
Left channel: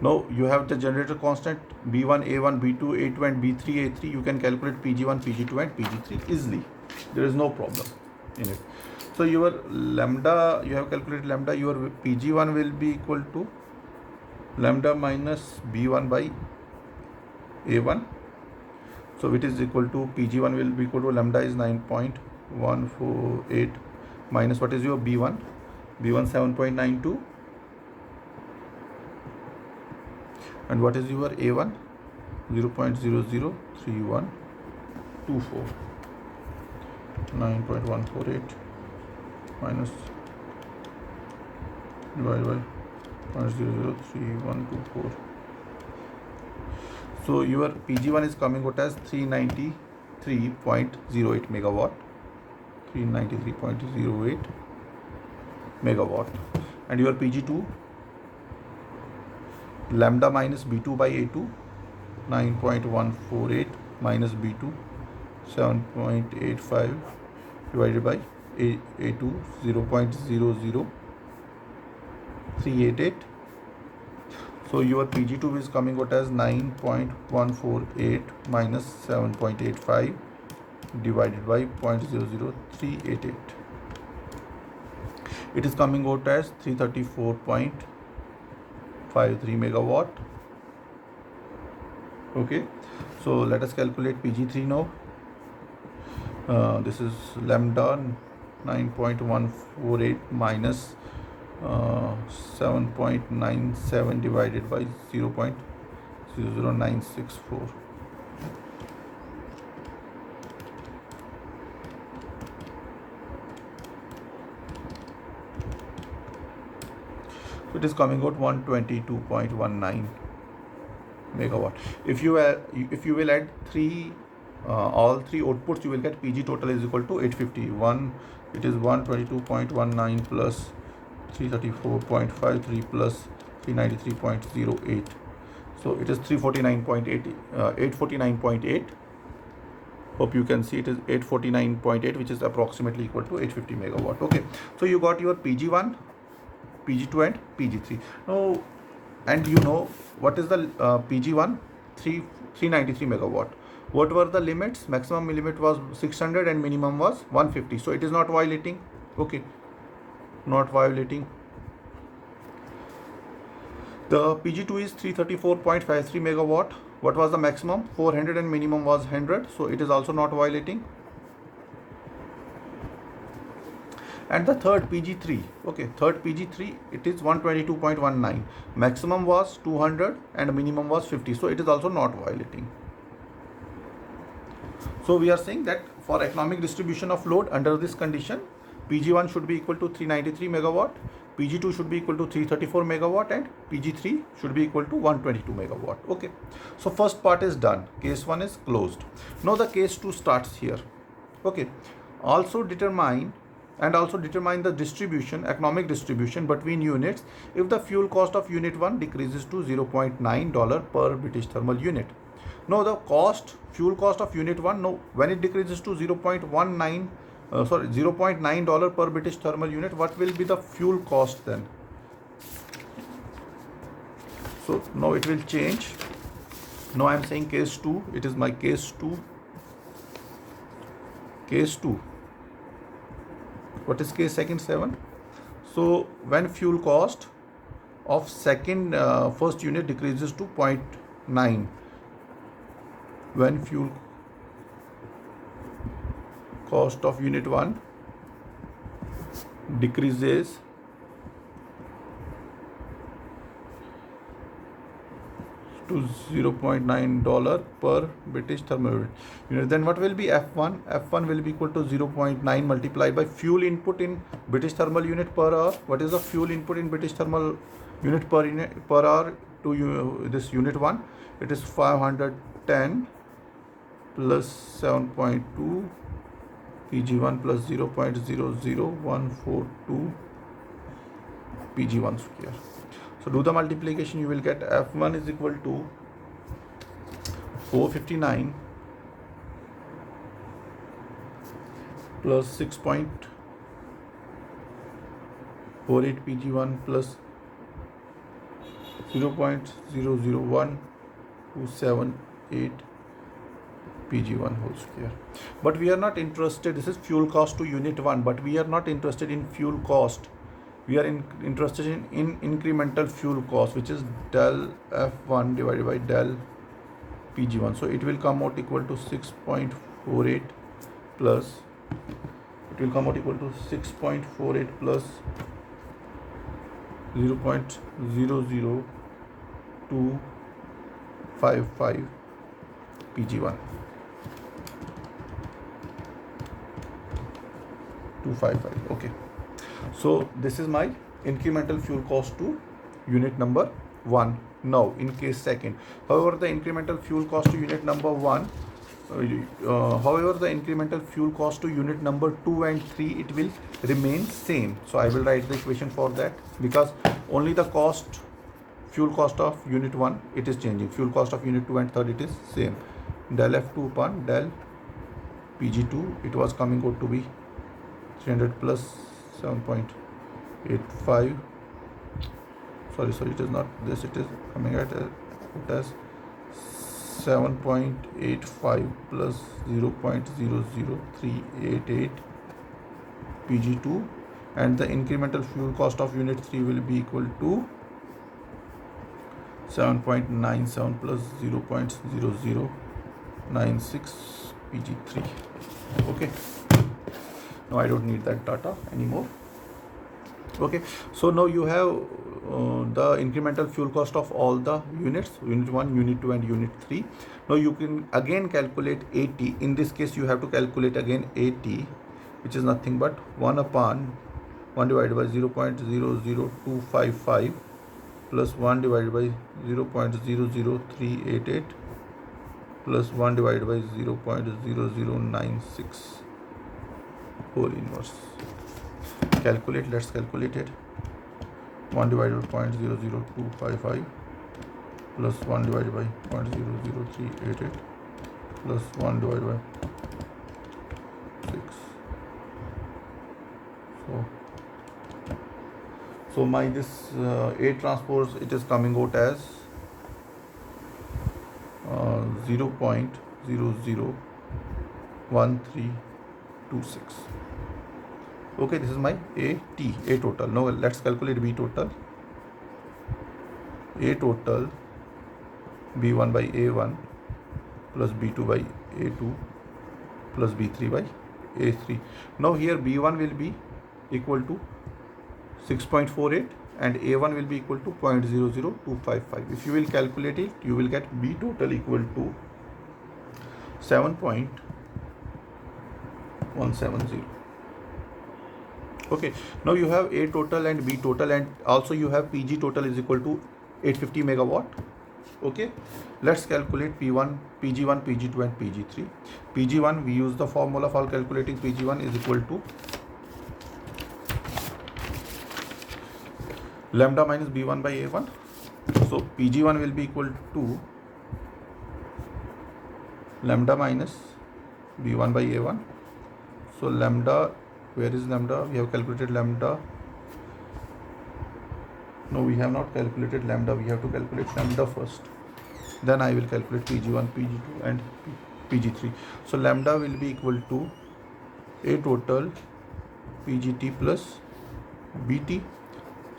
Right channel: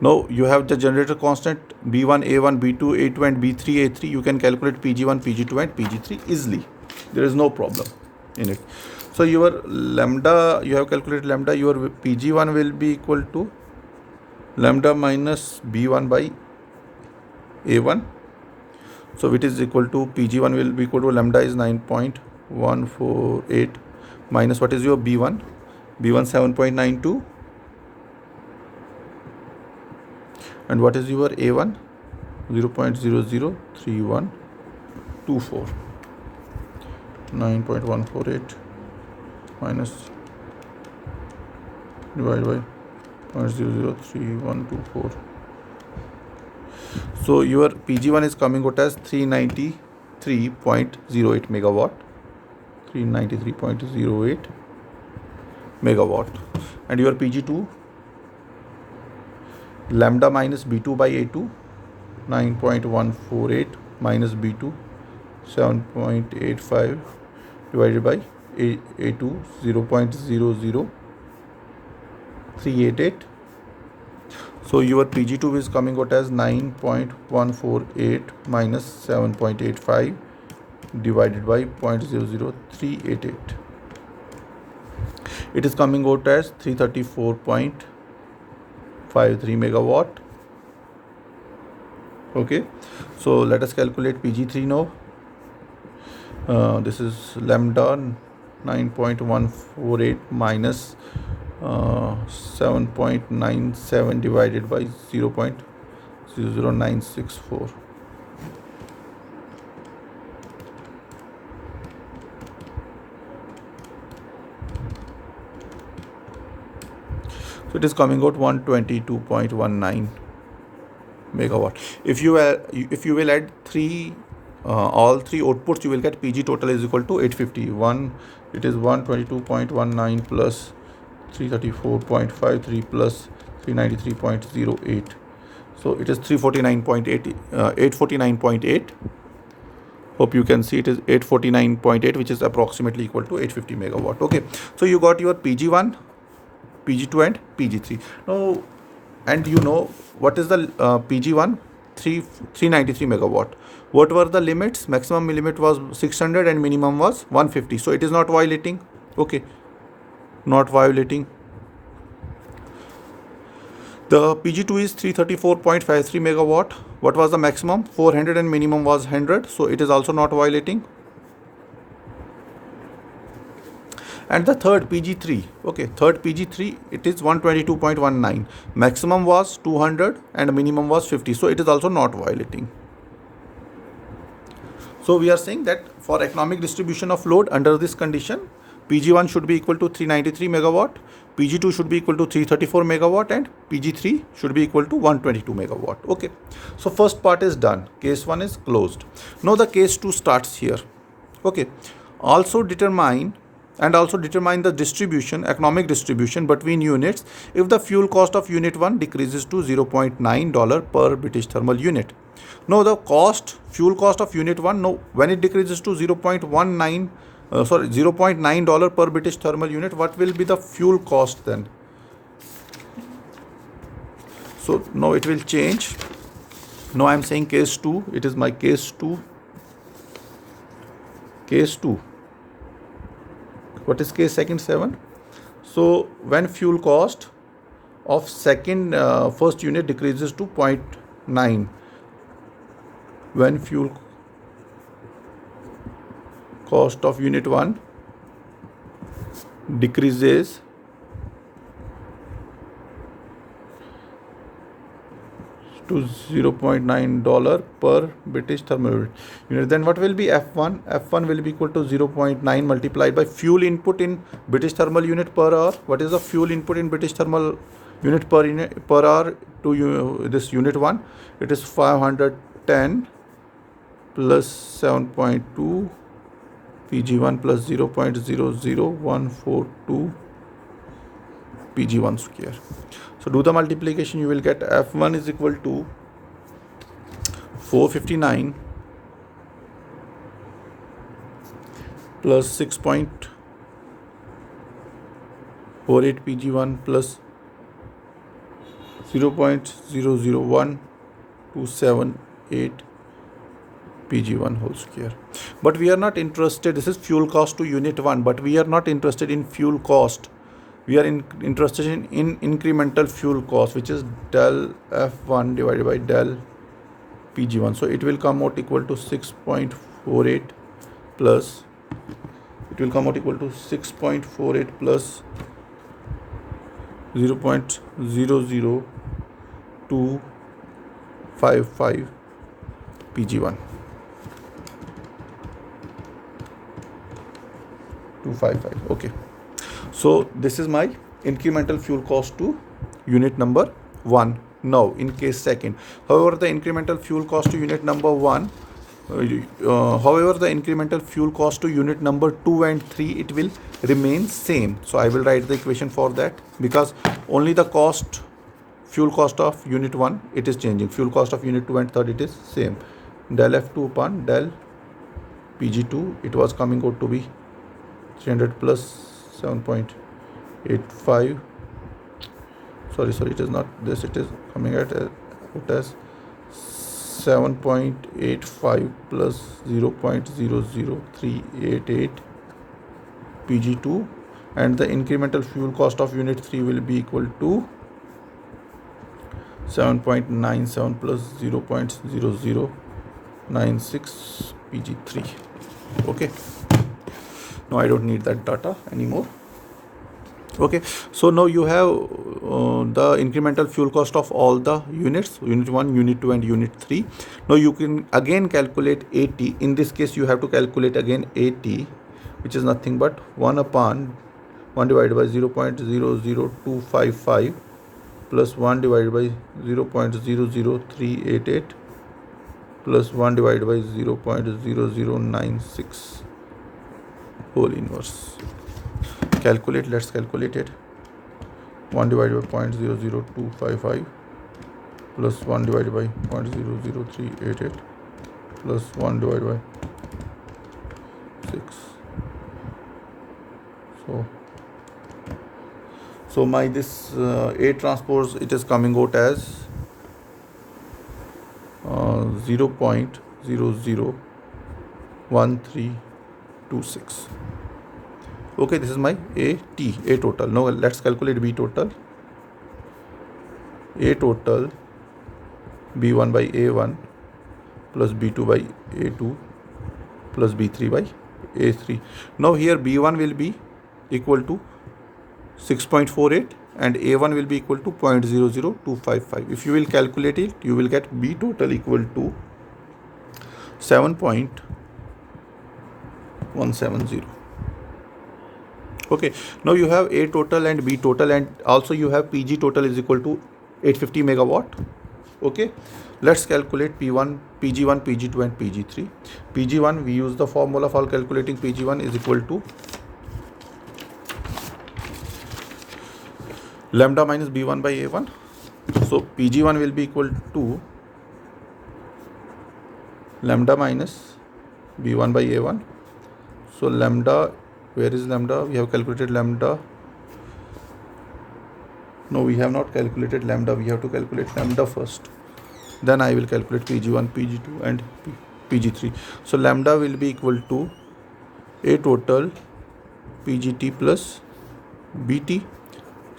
now you have the generator constant B1, A1, B2, A2 and B3, A3. You can calculate PG1, PG2 and PG3 easily. There is no problem in it. So your lambda, you have calculated lambda, your PG1 will be equal to lambda minus B1 by A1. So it is equal to PG1 will be equal to lambda is 9.148 minus what is your B1? B1 7.92. And what is your A1? 0.003124. 9.148 minus divided by 0.003124. So your PG1 is coming out as 393.08 megawatt. 393.08 megawatt. And your PG2, lambda minus B2 by A2, 9.148 minus B2, 7.85 divided by A2, 0.00388. So your PG2 is coming out as 9.148 minus 7.85 divided by 0.00388. It is coming out as 334.53 megawatt. Okay, so let us calculate PG3 now. This is lambda 9.148 minus 7.97 divided by 0.00964. So it is coming out 122.19 megawatt. If you will add all three outputs, you will get PG total is equal to 851. It is 122.19 plus 334.53 plus 393.08. So it is 349.8, 849.8. Hope you can see it is 849.8, which is approximately equal to 850 megawatt. Okay, so you got your PG1, PG2 and PG3. Now, and you know what is the PG1? 393 megawatt. What were the limits? Maximum limit was 600 and minimum was 150. So it is not violating. Okay, not violating. The PG2 is 334.53 megawatt. What was the maximum? 400 and minimum was 100. So it is also not violating. And the third PG3, okay, third PG3, it is 122.19. Maximum was 200 and minimum was 50. So it is also not violating. So we are saying that for economic distribution of load under this condition, PG1 should be equal to 393 megawatt, PG2 should be equal to 334 megawatt, and PG3 should be equal to 122 megawatt. Okay, so first part is done. Case 1 is closed. Now the case 2 starts here. Okay, also determine the distribution, economic distribution between units if the fuel cost of unit 1 decreases to $0.9 per British thermal unit. Now the fuel cost of unit 1, now when it decreases to $0.9 per British thermal unit, what will be the fuel cost then? So now it will change. Now I am saying case 2, it is my case 2. Case 2. What is case second 7? So when fuel cost of first unit decreases to 0.9, when fuel cost of unit 1 decreases to $0.9 per British thermal unit, then what will be F1? F1 will be equal to 0.9 multiplied by fuel input in British thermal unit per hour. What is the fuel input in British thermal unit per hour to this unit 1? It is 510 plus 7.2 PG1 plus 0.00142 PG1 square. So do the multiplication, you will get F1 is equal to 459 plus 6.48 PG1 plus 0.001278 PG1 whole square. But we are not interested, this is fuel cost to unit 1, but we are not interested in fuel cost. We are interested in incremental fuel cost, which is del F1 divided by del PG1. So it will come out equal to 6.48 plus, it will come out equal to 6.48 plus 0.00255 PG1. 255. Okay. So this is my incremental fuel cost to unit number 1. Now in case second, however the incremental fuel cost to unit number 1, however the incremental fuel cost to unit number 2 and 3, it will remain same. So I will write the equation for that, because only the fuel cost of unit 1 it is changing, fuel cost of unit 2 and 3 it is same. Del F2 upon del PG2, it was coming out to be 300 plus 7.85. Sorry, it is not this, it is coming at it as 7.85 plus 0.00388 PG2, and the incremental fuel cost of unit 3 will be equal to 7.97 plus 0.0096 PG3. Okay, now I don't need that data anymore. Okay, so now you have the incremental fuel cost of all the units, unit 1, unit 2 and unit 3. Now you can again calculate AT. In this case you have to calculate again AT, which is nothing but 1 divided by 0.00255 plus 1 divided by 0.00388 plus 1 divided by 0.0096 whole inverse. Calculate, let's calculate it. 1 divided by 0.00255 plus 1 divided by 0.00388 plus 1 divided by 6. So my this A transpose, it is coming out as 0.001326. Okay, this is my A total. Now let's calculate B total. A total B1 by A1 plus B2 by A2 plus B3 by A3. Now here B1 will be equal to 6.48 and A1 will be equal to 0.00255. If you will calculate it, you will get B total equal to 7.170. Okay, now you have A total and B total, and also you have PG total is equal to 850 megawatt. Okay, let's calculate P1, PG1, PG2 and PG3. PG1, we use the formula for calculating PG1 is equal to lambda minus B1 by A1. So PG1 will be equal to lambda minus B1 by A1. So lambda, where is lambda? We have calculated lambda. No, we have not calculated lambda. We have to calculate lambda first. Then I will calculate PG1, PG2 and PG3. So lambda will be equal to A total PGT plus BT.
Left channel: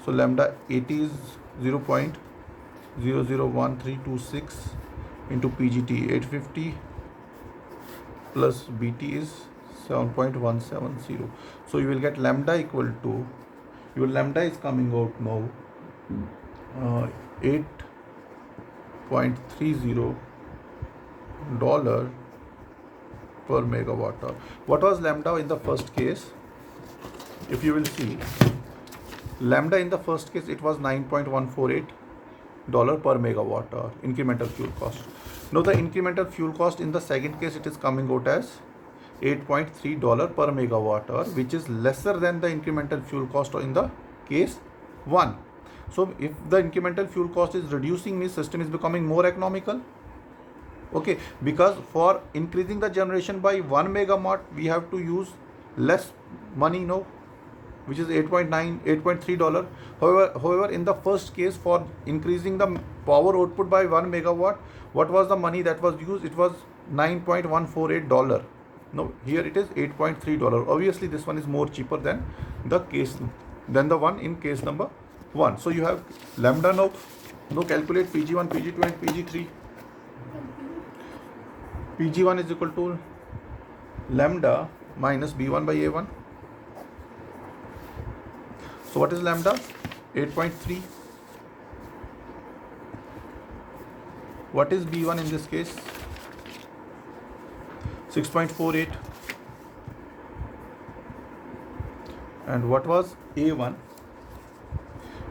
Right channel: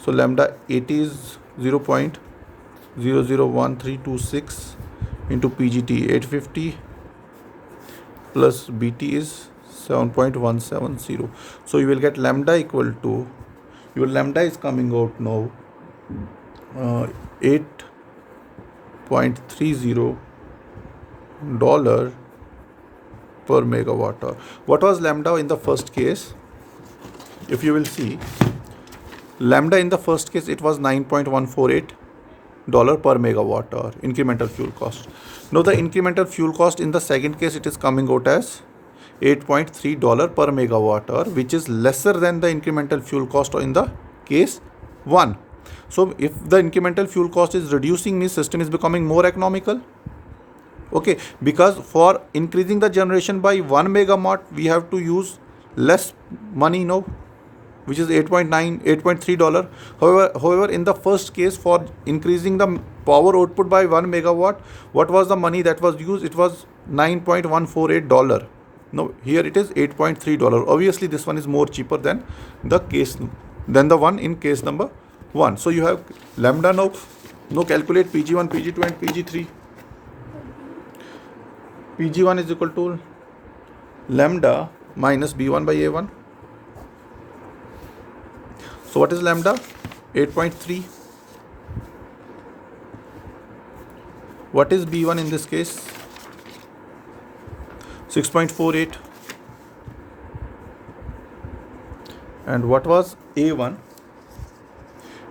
So lambda 80 is 0.001326 into PGT 850 plus BT is 7.170. So you will get lambda equal to, your lambda is coming out now 8.30 dollar per megawatt hour. What was lambda in the first case? If you will see, lambda in the first case it was 9.148 dollar per megawatt hour incremental fuel cost. Now the incremental fuel cost in the second case, it is coming out as 8.3 dollar per megawatt hour, which is lesser than the incremental fuel cost in the case 1. So if the incremental fuel cost is reducing, means system is becoming more economical. Okay, because for increasing the generation by 1 megawatt, we have to use less money now, which is 8.3 dollar. However, in the first case, for increasing the power output by 1 megawatt, what was the money that was used? It was 9.148 dollar. Now here it is 8.3 dollar. Obviously this one is more cheaper than the one in case number 1. So you have lambda now. Now calculate PG1, PG2 and PG3. PG1 is equal to lambda minus B1 by A1. So what is lambda? 8.3. What is B1 in this case? 6.48. And what was A1?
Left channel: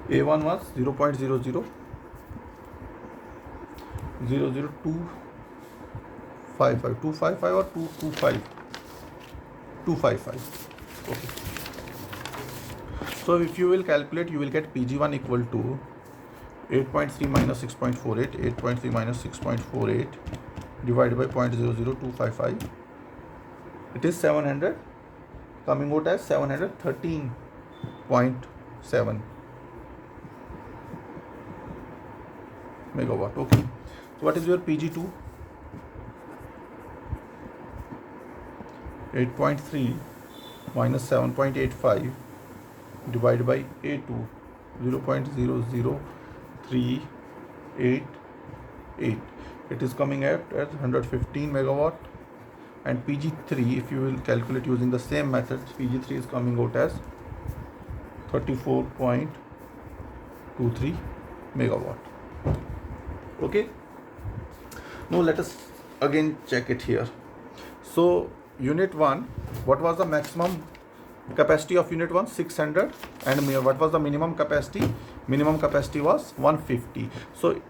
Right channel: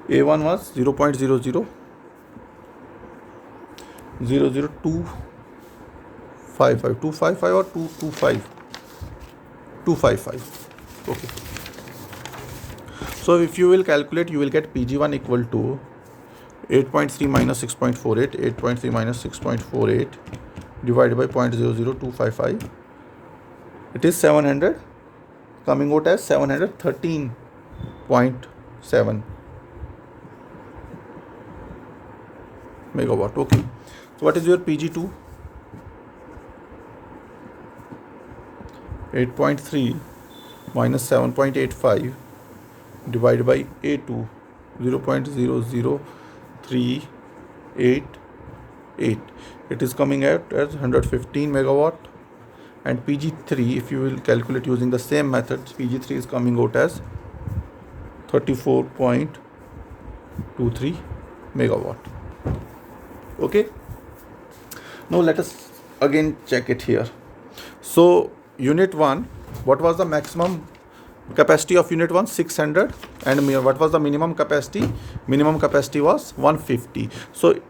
A1 was 0.00255 or 255. Okay. So if you will calculate, you will get PG1 equal to 8.3 minus 6.48, 8.3 minus 6.48 divided by 0.00255. It is 700, coming out as 713.7 megawatt. Okay. So what is your PG2? 8.3 minus 7.85 divided by A2, 0.00388. It is coming out as 115 megawatt. And PG3, if you will calculate using the same method, PG3 is coming out as 34.23 megawatt. Okay. Now let us again check it here. So unit 1, what was the maximum capacity of unit 1? 600. And what was the minimum capacity? Minimum capacity was 150. So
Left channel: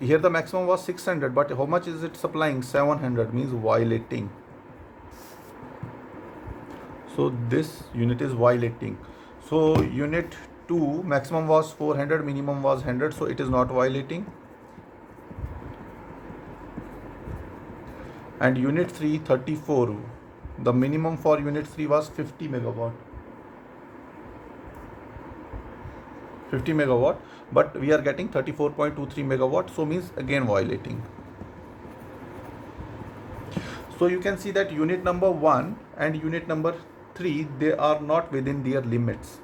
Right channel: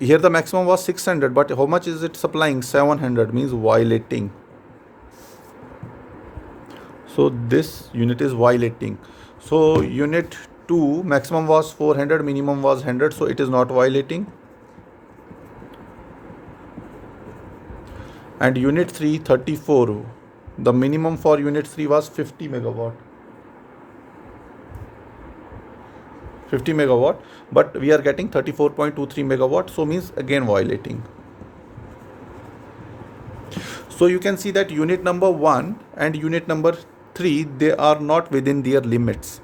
here the maximum was 600, but how much is it supplying? 700, means violating. So this unit is violating. So unit 2 maximum was 400, minimum was 100, so it is not violating. And unit 3 34, the minimum for unit 3 was 50 megawatt. 50 megawatt, but we are getting 34.23 megawatt, so means again violating. So you can see that unit number 1 and unit number 3, they are not within their limits.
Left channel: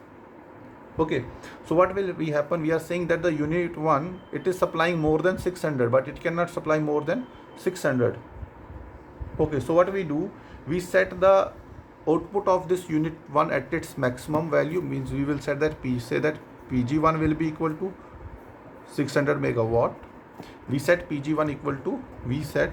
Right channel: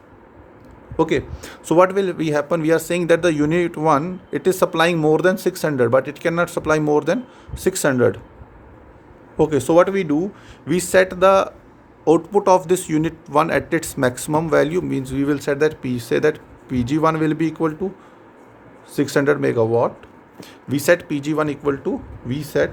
Okay, so what will be happen? We are saying that the unit 1, it is supplying more than 600, but it cannot supply more than 600. Okay, so what we do, we set the output of this unit 1 at its maximum value, means we will set that PG1 will be equal to 600 megawatt. We set PG1 equal to, we set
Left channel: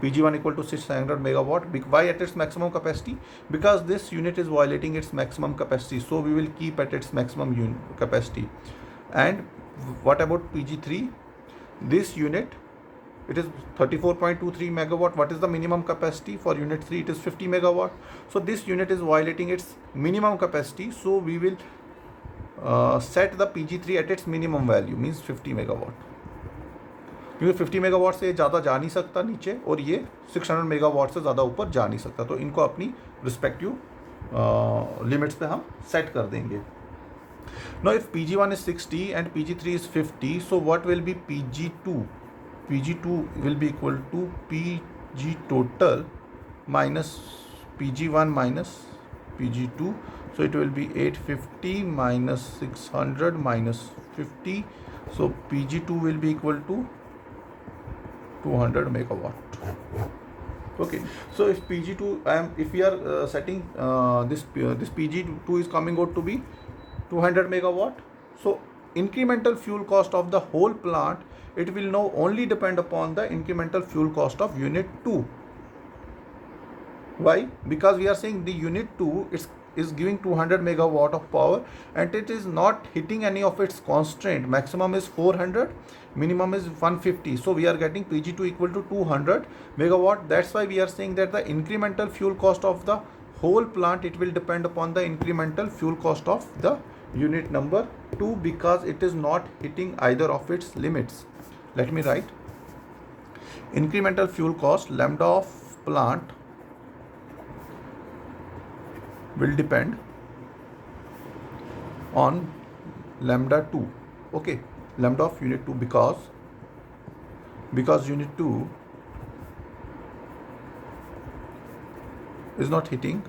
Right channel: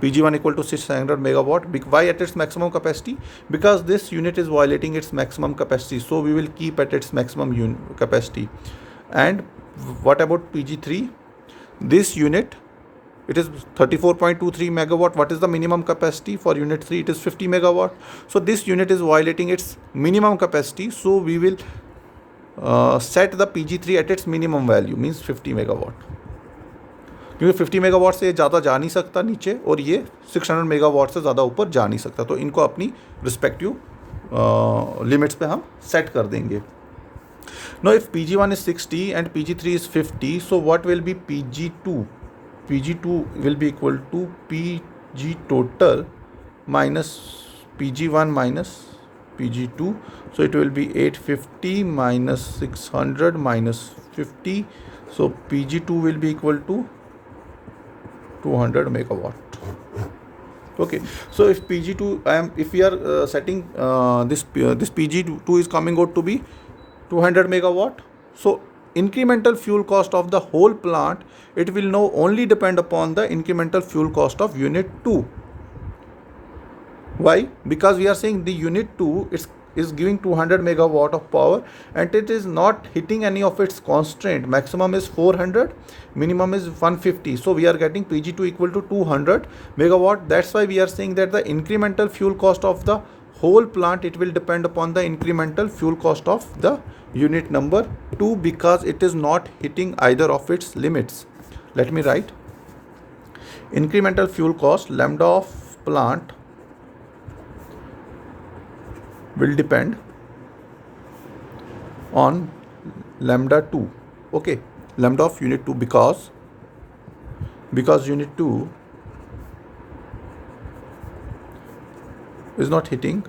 PG1 equal to 600 megawatt. Why at its maximum capacity? Because this unit is violating its maximum capacity, so we will keep at its maximum capacity. And what about PG3? This unit, it is 34.23 megawatt. What is the minimum capacity for unit 3? It is 50 megawatt. So this unit is violating its minimum capacity, so we will set the PG3 at its minimum value, means 50 megawatt. क्योंकि 50 megawatt से ज़्यादा जा नहीं सकता नीचे, और ये 600 megawatt से ज़्यादा ऊपर जा नहीं सकता, तो इनको अपनी रिस्पेक्टिव लिमिट्स पे हम सेट कर देंगे. Now if PG1 is 60 and PG3 is 50, so what will be PG2? PG2 will be equal to PG total minus PG1 minus PG2. So it will be 850 minus 600 minus 50. So PG2 will be equal to 200 megawatt. Okay, so if PG2, if we are setting this PG2 is coming out to be 200 megawatt, so incremental fuel cost of the whole plant, it will now only depend upon the incremental fuel cost of unit 2. Why? Because we are saying the unit 2 is giving 200 megawatt of power, and it is not hitting any of its constraint. Maximum is 400, minimum is 150. So we are getting PG2 equal to 200 megawatt. That's why we are saying that the incremental fuel cost of the whole plant, it will depend upon the incremental fuel cost of the unit number 2, because it is not hitting either of its limits. Let me write. Incremental fuel cost, lambda of plant, will depend on lambda 2. Okay, lambda of unit 2, because unit 2 is not hitting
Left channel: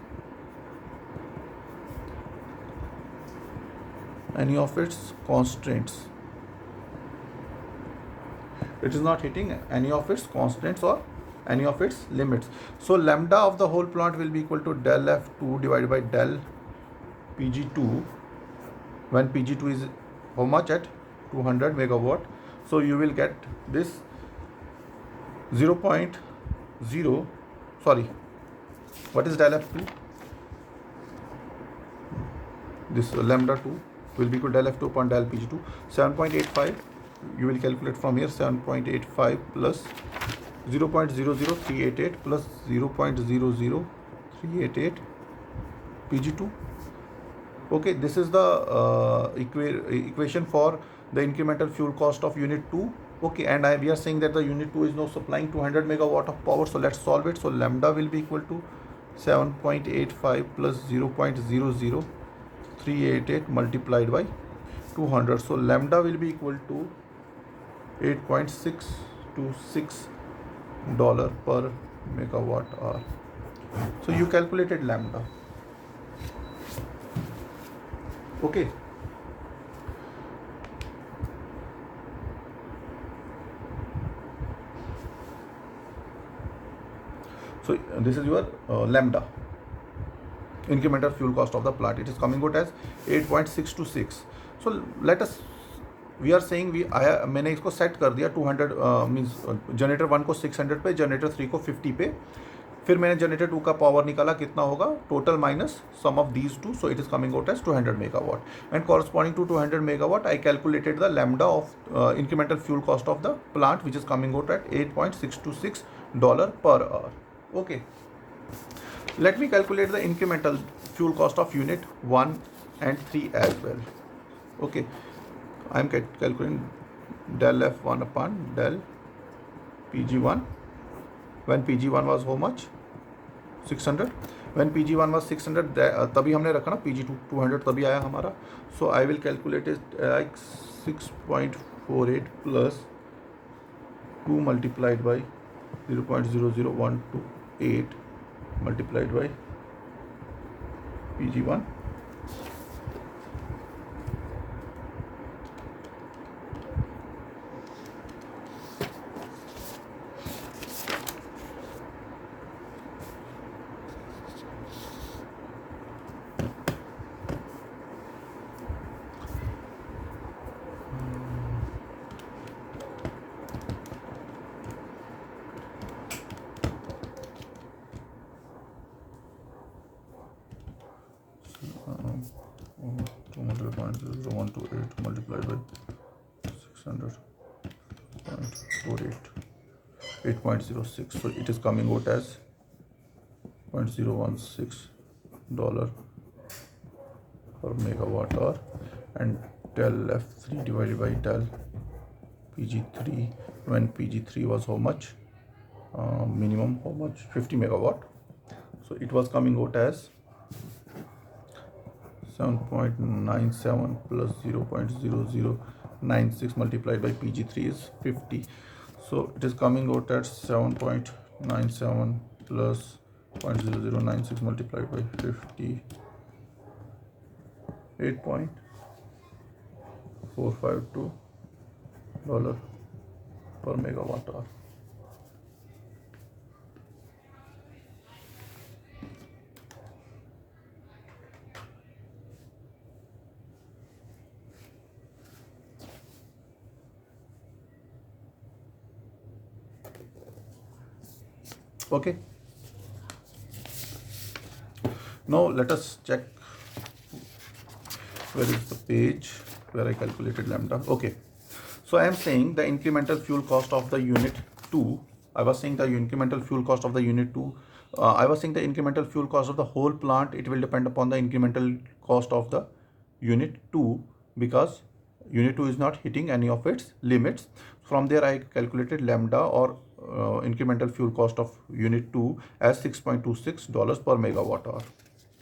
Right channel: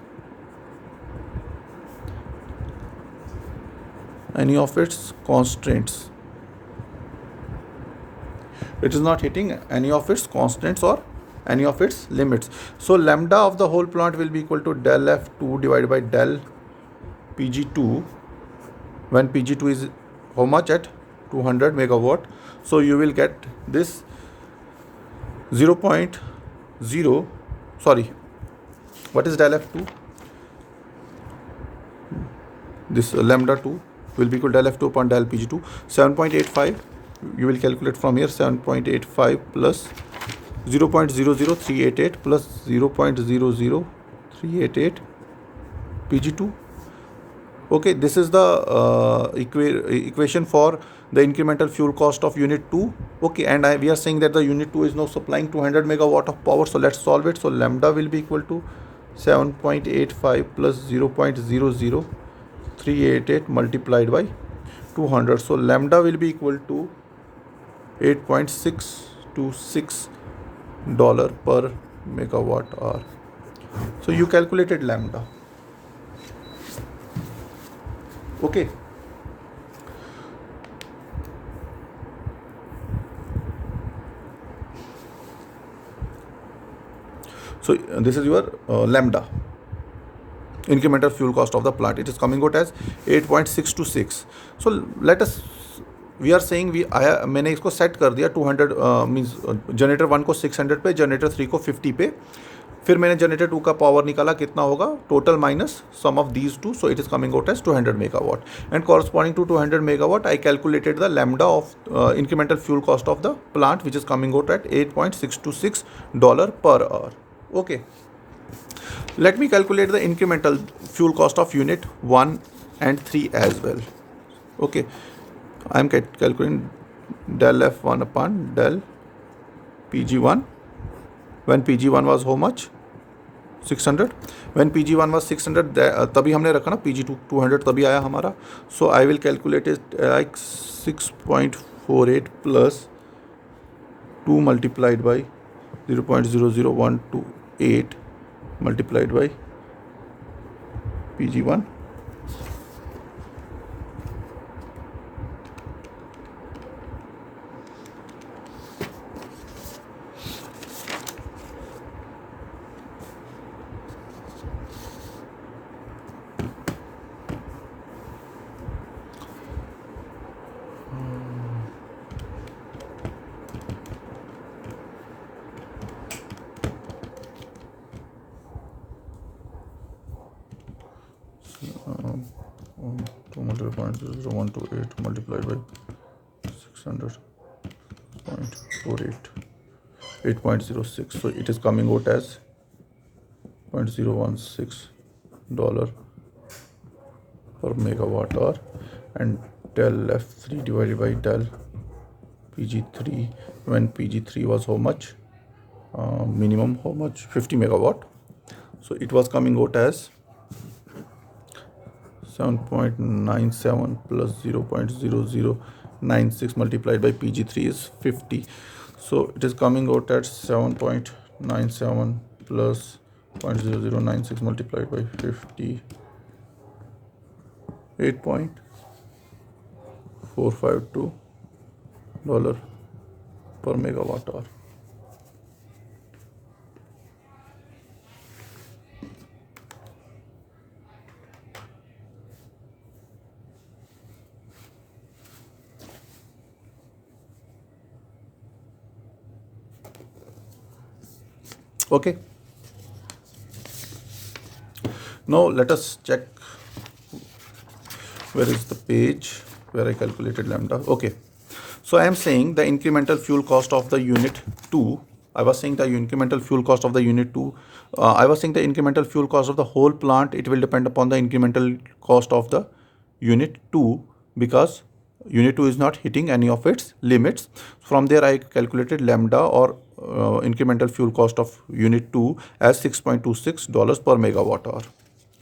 any of its constraints. It is not hitting any of its constraints or any of its limits. So lambda of the whole plant will be equal to del F2 divided by del PG2, when PG2 is how much? At 200 megawatt. So you will get this 0.0, sorry, what is del F2? This lambda 2 will be equal to del F2 upon del PG2, 7.85. You will calculate from here, 7.85 plus 0.00388 plus 0.00388 PG2. Okay, this is the equation for the incremental fuel cost of unit 2. Okay, and we are saying that the unit 2 is now supplying 200 megawatt of power. So let's solve it. So lambda will be equal to 7.85 plus 0.00388 multiplied by 200. So lambda will be equal to $8.626 per megawatt hour. So you calculated lambda. Okay. So this is your lambda, incremental fuel cost of the plant. It is coming out as 8.626. So let us, we are saying मैंने इसको set कर दिया 200 means generator 1 को 600 पे, generator 3 को 50 पे. फिर मैंने जनरेटर 2 का पावर निकाला, कितना होगा total minus sum of these two. So it is coming out as 200 megawatt, and corresponding to 200 megawatt I calculated the lambda of incremental fuel cost of the plant, which is coming out at $8.626 per hour. Okay, let me calculate the incremental fuel cost of unit 1 and 3 as well. Okay, I am calculating del F1 upon del PG1. When PG1 was how much? 600. When PG1 was 600, तभी हमने रखा ना PG2 200, तभी आया हमारा. So I will calculate it like 6.48 plus 2 multiplied by 0.00128 multiplied by PG1. 200.0128 multiplied by 600.48, 8.06. So it is coming out as $0.016 per megawatt hour, and del F3 divided by del PG3, when PG3 was how much, minimum how much, 50 megawatt. So it was coming out as 7.97 plus 0.0096 multiplied by PG3 is 50. So it is coming out at 7.97 plus 0.0096 multiplied by 50, 8.452 dollar per megawatt hour. Okay. Now let us check where is the page where I calculated lambda. Okay. So I am saying the incremental fuel cost of the unit 2. I was saying the incremental fuel cost of the unit 2. I was saying the incremental fuel cost of the whole plant. It will depend upon the incremental cost of the unit 2 because unit 2 is not hitting any of its limits. From there I calculated lambda or incremental fuel cost of unit 2 as $6.26 per megawatt hour.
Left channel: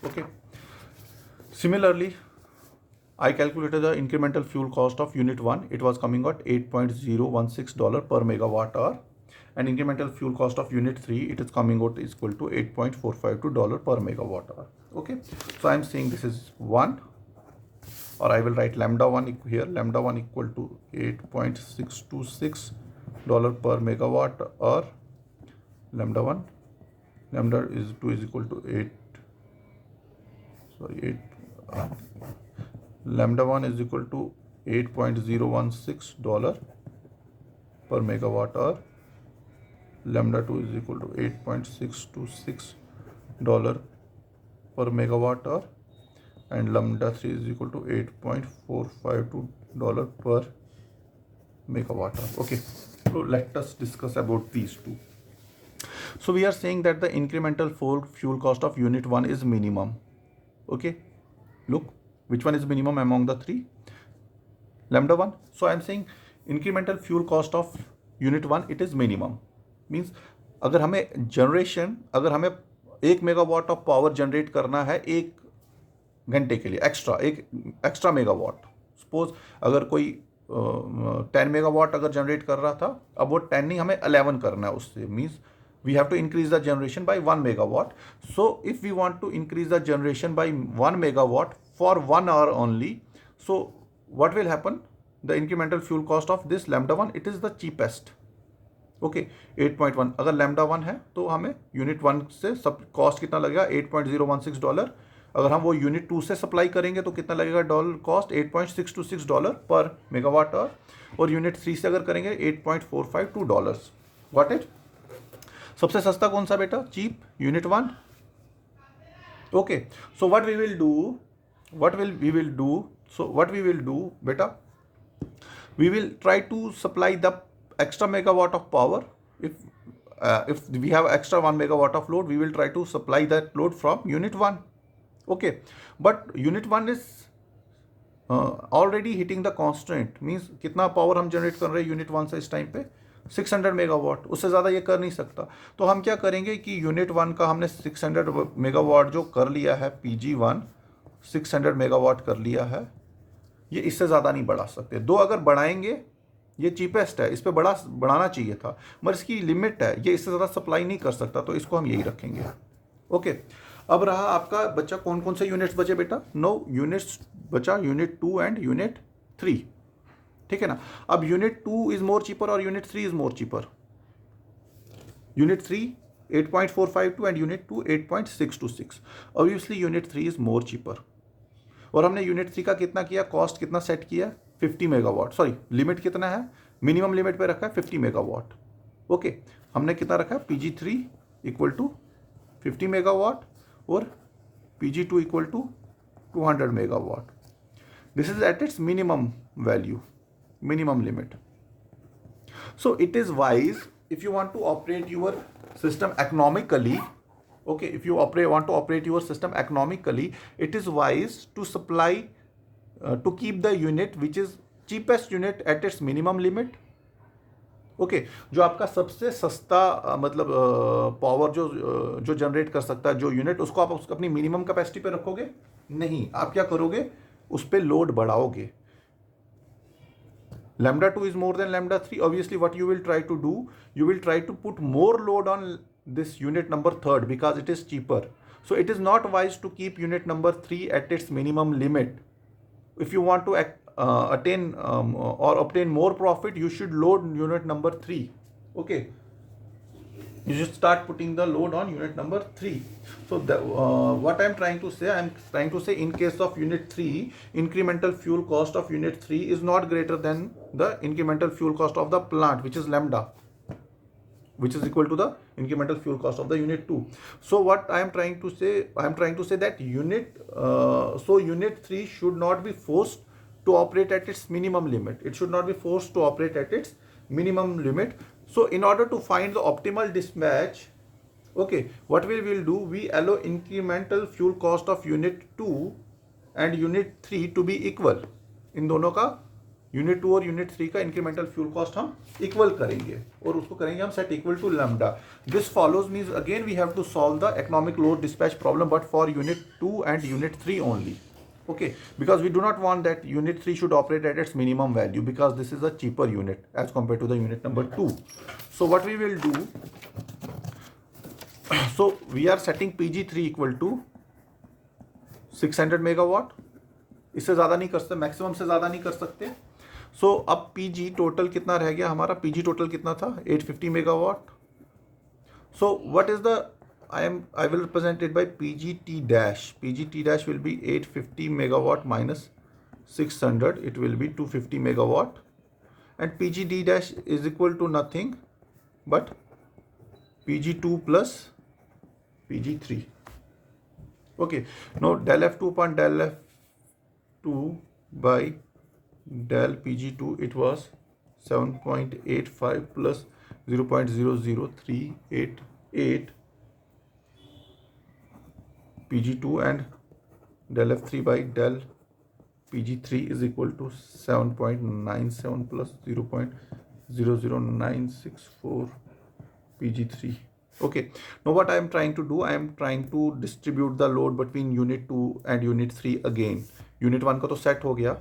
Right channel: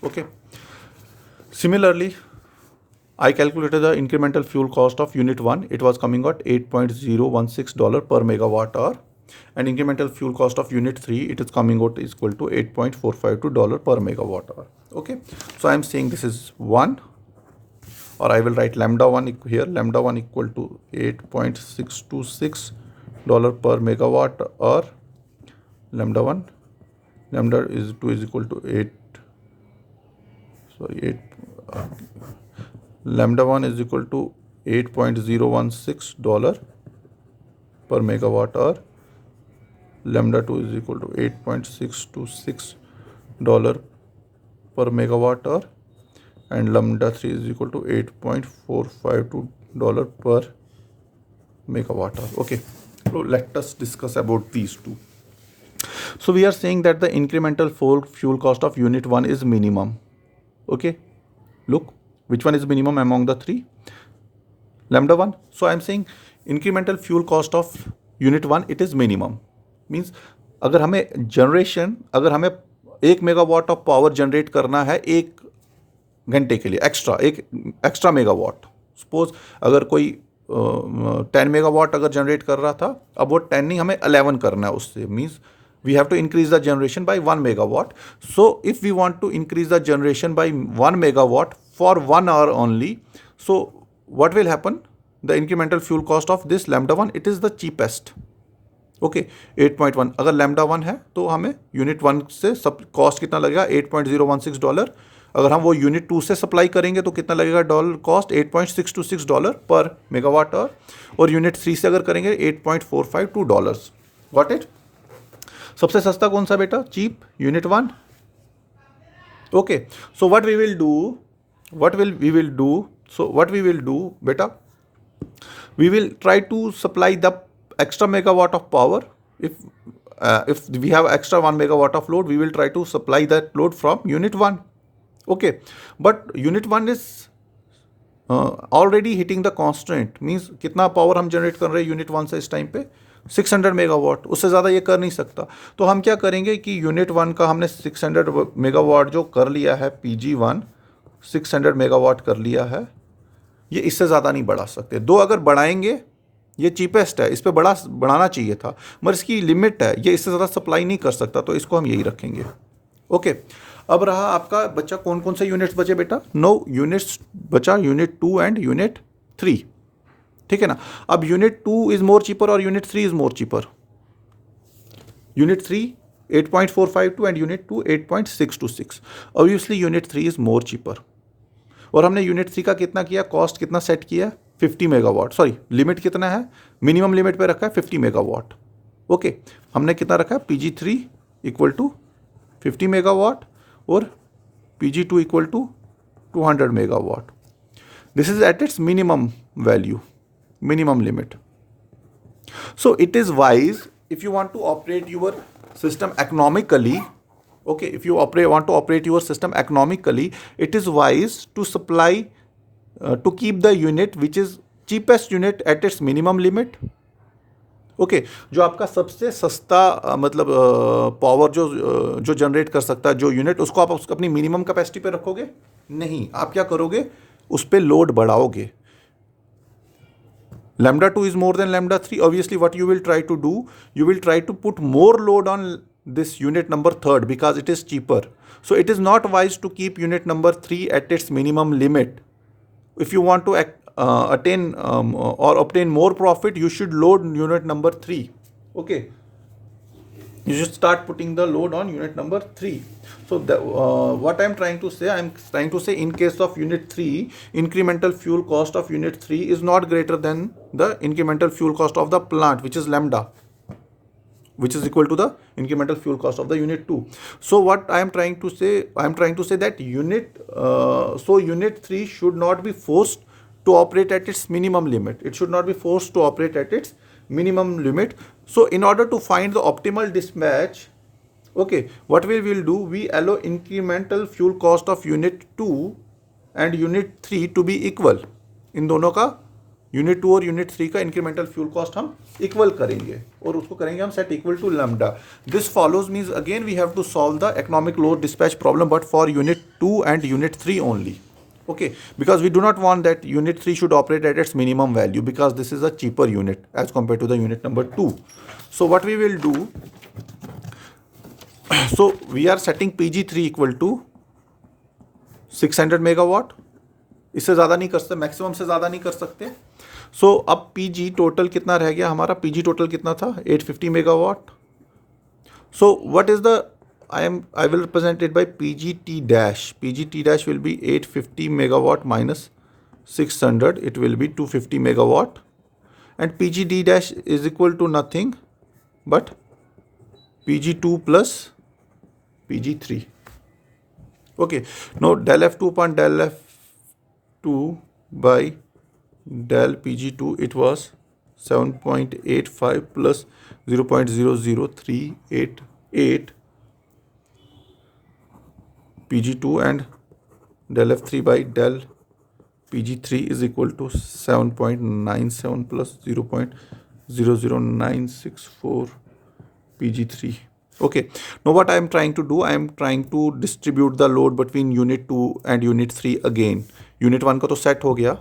Okay. Similarly, I calculated the incremental fuel cost of unit 1. It was coming at $8.016 per megawatt hour. And incremental fuel cost of unit 3, it is coming out is equal to $8.452 per megawatt hour. Okay. So I am saying this is 1, or I will write lambda 1 here. Lambda 1 equal to $8.626 per megawatt hour. Lambda 1, lambda is 2 is equal to 8. Sorry, 8. Lambda 1 is equal to $8.016 per megawatt hour. Lambda 2 is equal to $8.626 per megawatt hour, and lambda 3 is equal to $8.452 per megawatt hour. Okay, so let us discuss about these two. So we are saying that the incremental fuel cost of unit 1 is minimum. Okay, look, which one is minimum among the three? Lambda 1. So I am saying incremental fuel cost of unit 1, it is minimum. Means अगर हमें generation, अगर हमें 1 megawatt of power generate करना है 1 घंटे के लिए extra megawatt, suppose अगर कोई 10 मेगावाट अगर जनरेट कर रहा था, अब वो 10 नहीं, हमें 11 करना है उससे. Means we have to increase the generation by 1 megawatt. So if we want to increase the generation by 1 megawatt for 1 hour only, so what will happen? The incremental fuel cost of this lambda 1, it is the cheapest. Okay 8.1. अगर lambda 1 है तो हमें unit 1 से सब cost कितना लगेगा $8.016. अगर हम वो यूनिट 2 से सप्लाई करेंगे तो कितना लगेगा डॉलर कॉस्ट $8.626 पर मेगावाट आवर, और यूनिट 3 से अगर करेंगे $8.452. Got it? सबसे सस्ता कौन सा बेटा? Cheap unit 1. Okay, so what we will do बेटा, we will try to supply the extra megawatt of power. If we have extra 1 megawatt of load, we will try to supply that load from unit 1. Okay, but unit 1 is already hitting the constraint. Means कितना power हम generate कर रहे हैं unit 1 से इस time पे 600 megawatt, उससे ज़्यादा ये कर नहीं सकता. तो हम क्या करेंगे कि यूनिट 1 का हमने 600 मेगावाट जो कर लिया है, PG1 600 मेगावाट कर लिया है, ये इससे ज़्यादा नहीं बढ़ा सकते. दो अगर बढ़ाएंगे, ये चीपेस्ट है, इस पर बढ़ाना चाहिए था, मगर इसकी लिमिट है, ये इससे ज़्यादा सप्लाई नहीं कर सकता, तो इसको हम यही रखेंगे. ओके, अब रहा आपका बच्चा कौन कौन से यूनिट्स बचे बेटा? 9 यूनिट्स बचा, यूनिट 2 एंड यूनिट 3. ठीक है ना? अब यूनिट 2 इज मोर चीपर और unit 3 is more cheaper. Unit 3 8.452 and unit 2 8.626. Obviously unit 3 is more cheaper. और हमने यूनिट 3 का कितना किया, कॉस्ट कितना सेट किया? 50 मेगावाट. सॉरी, लिमिट कितना है? मिनिमम लिमिट पे रखा है 50 मेगावाट. ओके, हमने कितना रखा है? PG3 इक्वल टू 50 मेगावाट और PG2 equal to 200 megawatt. This is at its minimum value, minimum limit. So it is wise, if you want to operate your system economically, okay, if you want to operate your system economically, it is wise to supply, to keep the unit which is cheapest unit at its minimum limit. Okay जो आपका सबसे सस्ता मतलब power जो generate कर सकता है जो यूनिट, उसको आप अपनी मिनिमम कैपेसिटी पे रखोगे नहीं, आप क्या करोगे, उस पर load बढ़ाओगे. Lambda 2 is more than lambda 3. Obviously, what you will try to do, you will try to put more load on this unit number third because it is cheaper. So it is not wise to keep unit number 3 at its minimum limit. If you want to attain or obtain more profit, you should load unit number 3. Okay. You should start putting the load on unit number 3. So what I'm trying to say, in case of unit 3, incremental fuel cost of unit 3 is not greater than the incremental fuel cost of the plant, which is lambda, which is equal to the incremental fuel cost of the unit 2. So what I am trying to say, that unit 3 should not be forced to operate at its minimum limit. It should not be forced to operate at its minimum limit. So in order to find the optimal dispatch, okay, what we will do, we allow incremental fuel cost of unit 2 and unit 3 to be equal. इन दोनों का unit 2 और unit 3 का incremental fuel cost हम equal करेंगे और उसको करेंगे हम set equal to lambda. This follows means again we have to solve the economic load dispatch problem but for unit 2 and unit 3 only. Okay, because we do not want that unit 3 should operate at its minimum value because this is a cheaper unit as compared to the unit number 2. So what we will do, so we are setting PG3 equal to 600 megawatt. इससे ज़्यादा नहीं कर सकते, maximum से ज़्यादा नहीं कर सकते. सो अब PG टोटल कितना रह गया हमारा, PG टोटल कितना था, 850 megawatt. So what is the I will represent it by PGT dash. PGT dash will be 850 megawatt minus 600. It will be 250 megawatt. And PGD dash is equal to nothing but PG2 plus PG3. Okay. Now del F2 upon del F2 by del PG2, it was 7.85 plus 0.00388 PG2 and del F3 by del PG3 is equal to 7.97 plus 0.00964 PG3. Okay, now what I am trying to do, I am trying to distribute the load between unit 2 and unit 3 again. Unit 1 का तो set हो गया,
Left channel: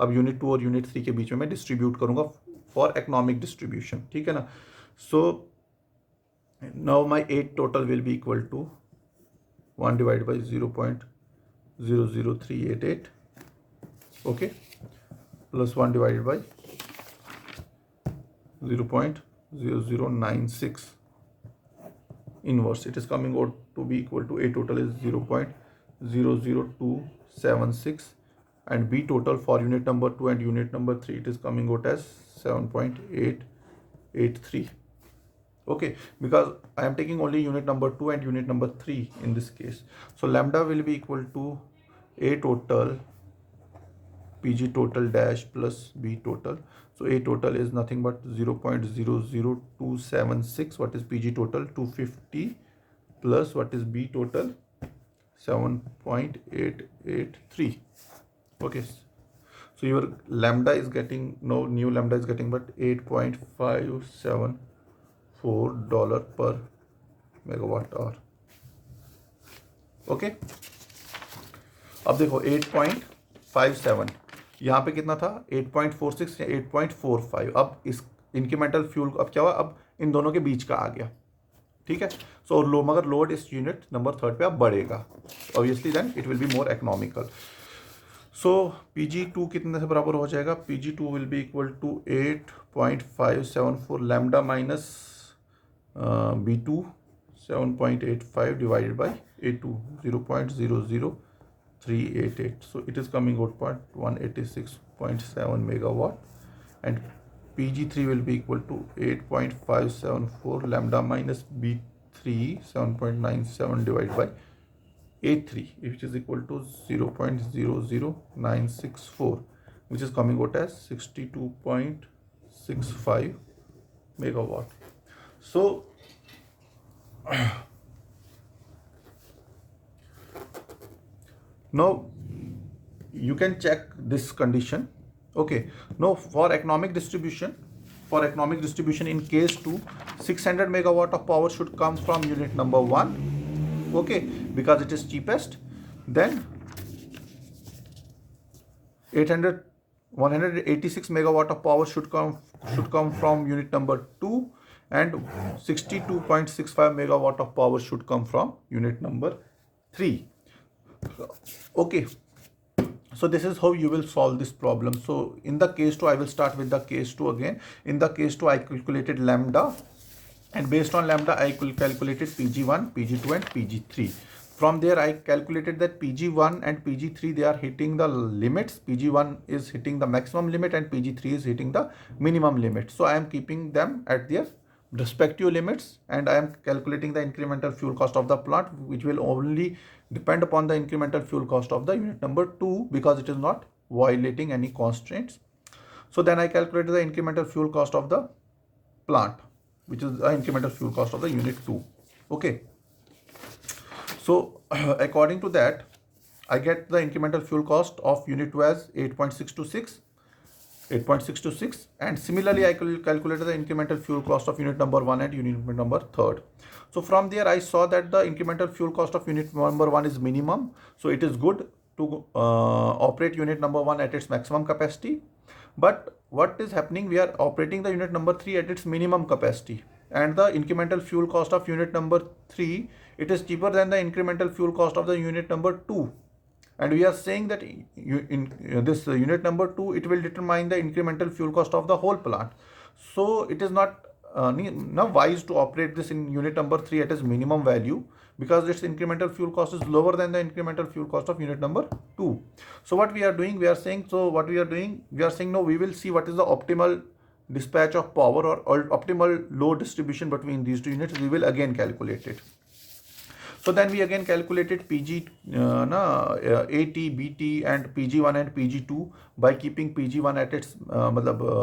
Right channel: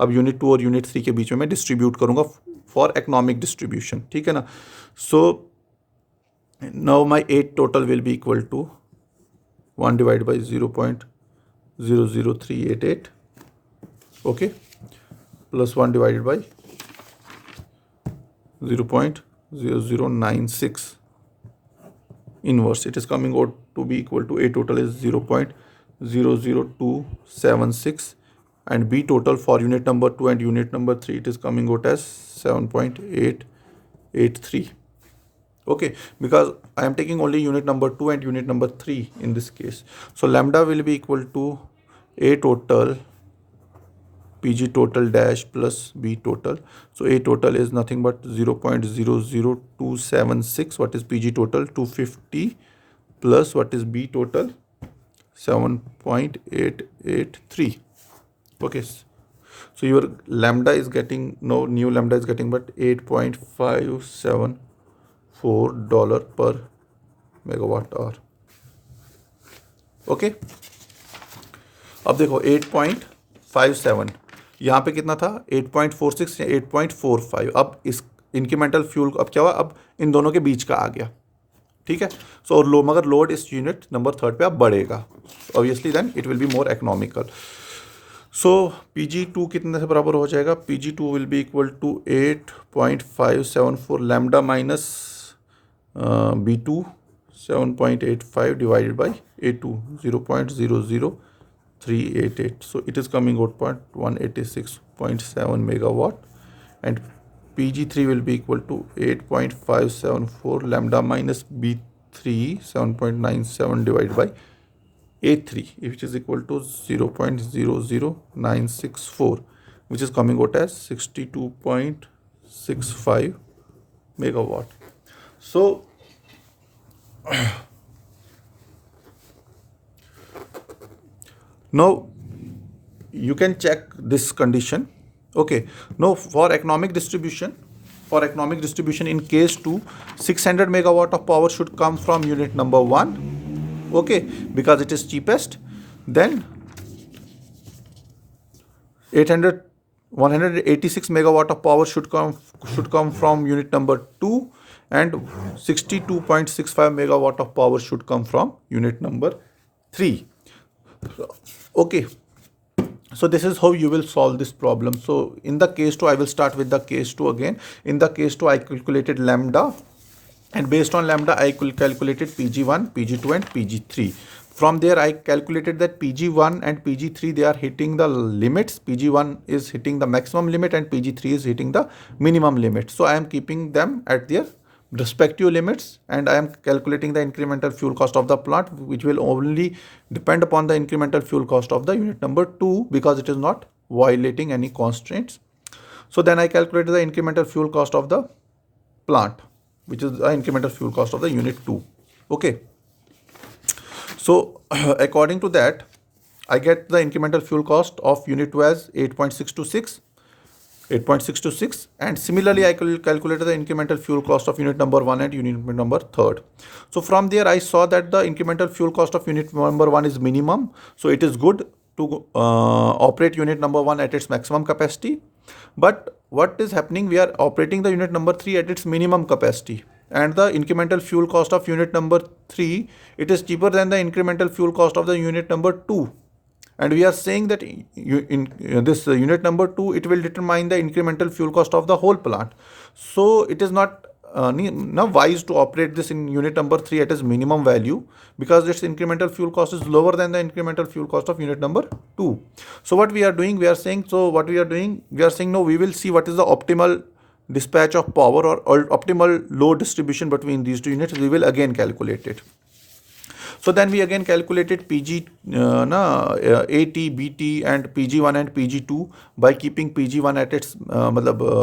अब unit 2 और unit 3 के बीच में मैं distribute करूंगा फॉर इकोनॉमिक डिस्ट्रीब्यूशन. ठीक है ना. So now my 8 total will be equal to 1 divided by 0.00388, okay, plus 1 divided by 0.0096 inverse. It is coming out to be equal to A total is 0.00276 and B total for unit number 2 and unit number 3, it is coming out as 7.883. Okay, because I am taking only unit number 2 and unit number 3 in this case. So lambda will be equal to A total PG total dash plus B total. So A total is nothing but 0.00276. What is PG total? 250 plus what is B total? 7.883. Okay. So your lambda is getting, no new lambda is getting but $8.574 per megawatt hour. Okay, अब देखो 8.57, यहाँ पे कितना था 8.46 या 8.45. अब इस incremental fuel अब क्या हुआ, अब इन दोनों के बीच का आ गया. ठीक है. सो और लो मगर लोड इस यूनिट नंबर 3 पे अब बढ़ेगा, obviously then it will be more economical. So PG2 कितने से बराबर हो जाएगा, PG2 will be equal to 8.574 lambda minus B2 7.85 divided by A2 0.00388. So it is coming out 186.7 megawatt and PG3 will be equal to 8.574 lambda minus B3 7.97 divided by A3, which is equal to 0.00964, which is coming out as 62.65 megawatt. So now you can check this condition. Okay, now for economic distribution, in case 2, 600 megawatt of power should come from unit number 1, okay, because it is cheapest. Then 186 megawatt of power should come from unit number 2, and 62.65 megawatt of power should come from unit number 3. Okay, so this is how you will solve this problem. So in the case 2, I will start with the case 2 again. In the case 2, I calculated lambda, and based on lambda I calculated PG1, PG2 and PG3. From there I calculated that PG1 and PG3, they are hitting the limits. PG1 is hitting the maximum limit and PG3 is hitting the minimum limit. So I am keeping them at their respective limits, and I am calculating the incremental fuel cost of the plant, which will only depend upon the incremental fuel cost of the unit number 2, because it is not violating any constraints. So then I calculated the incremental fuel cost of the plant, which is the incremental fuel cost of the unit 2. Okay, so according to that, I get the incremental fuel cost of unit 2 as 8.626, and similarly I calculated the incremental fuel cost of unit number 1 and unit number 3. So from there I saw that the incremental fuel cost of unit number 1 is minimum, so it is good to operate unit number 1 at its maximum capacity. But what is happening, we are operating the unit number 3 at its minimum capacity, and the incremental fuel cost of unit number 3, it is cheaper than the incremental fuel cost of the unit number 2. And we are saying that this unit number 2, it will determine the incremental fuel cost of the whole plant. So it is not wise to operate this in unit number 3 at its minimum value, because its incremental fuel cost is lower than the incremental fuel cost of unit number 2. So what we are doing, we are saying no, we will see what is the optimal dispatch of power or optimal load distribution between these two units. We will again calculate it. So then we again calculated PG, AT, BT and PG1 and PG2 by keeping PG1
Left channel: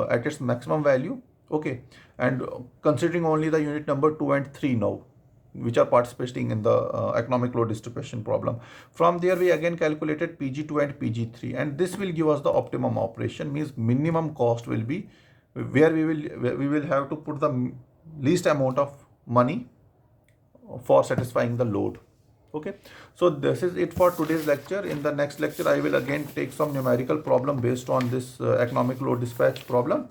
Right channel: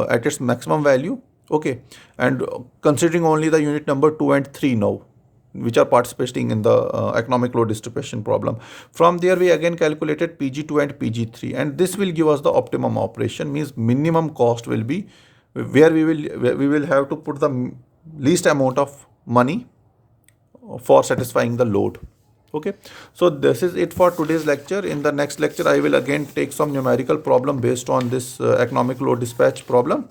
at its maximum value. Okay, and considering only the unit number 2 and 3 now, which are participating in the economic load distribution problem. From there we again calculated PG2 and PG3, and this will give us the optimum operation, means minimum cost will be where we will have to put the least amount of money for satisfying the load. Okay, so this is it for today's lecture. In the next lecture I will again take some numerical problem based on this economic load dispatch problem.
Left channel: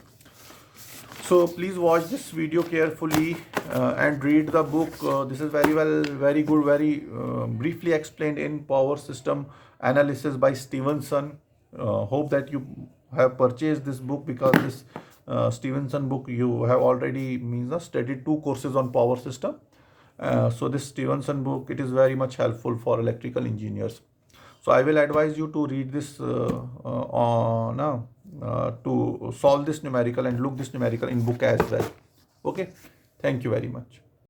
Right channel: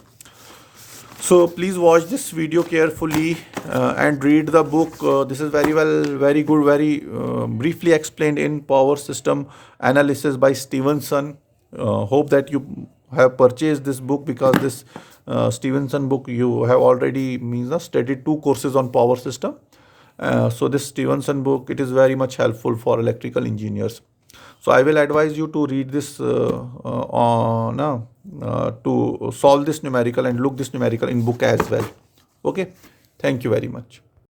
So please watch this video carefully and read the book. This is very good, very briefly explained in Power System Analysis by Stevenson. Hope that you have purchased this book, because this Stevenson book you have already studied 2 courses on power system. So this Stevenson book, it is very much helpful for electrical engineers. So I will advise you to read this to solve this numerical and look this numerical in book as well. Okay, thank you very much.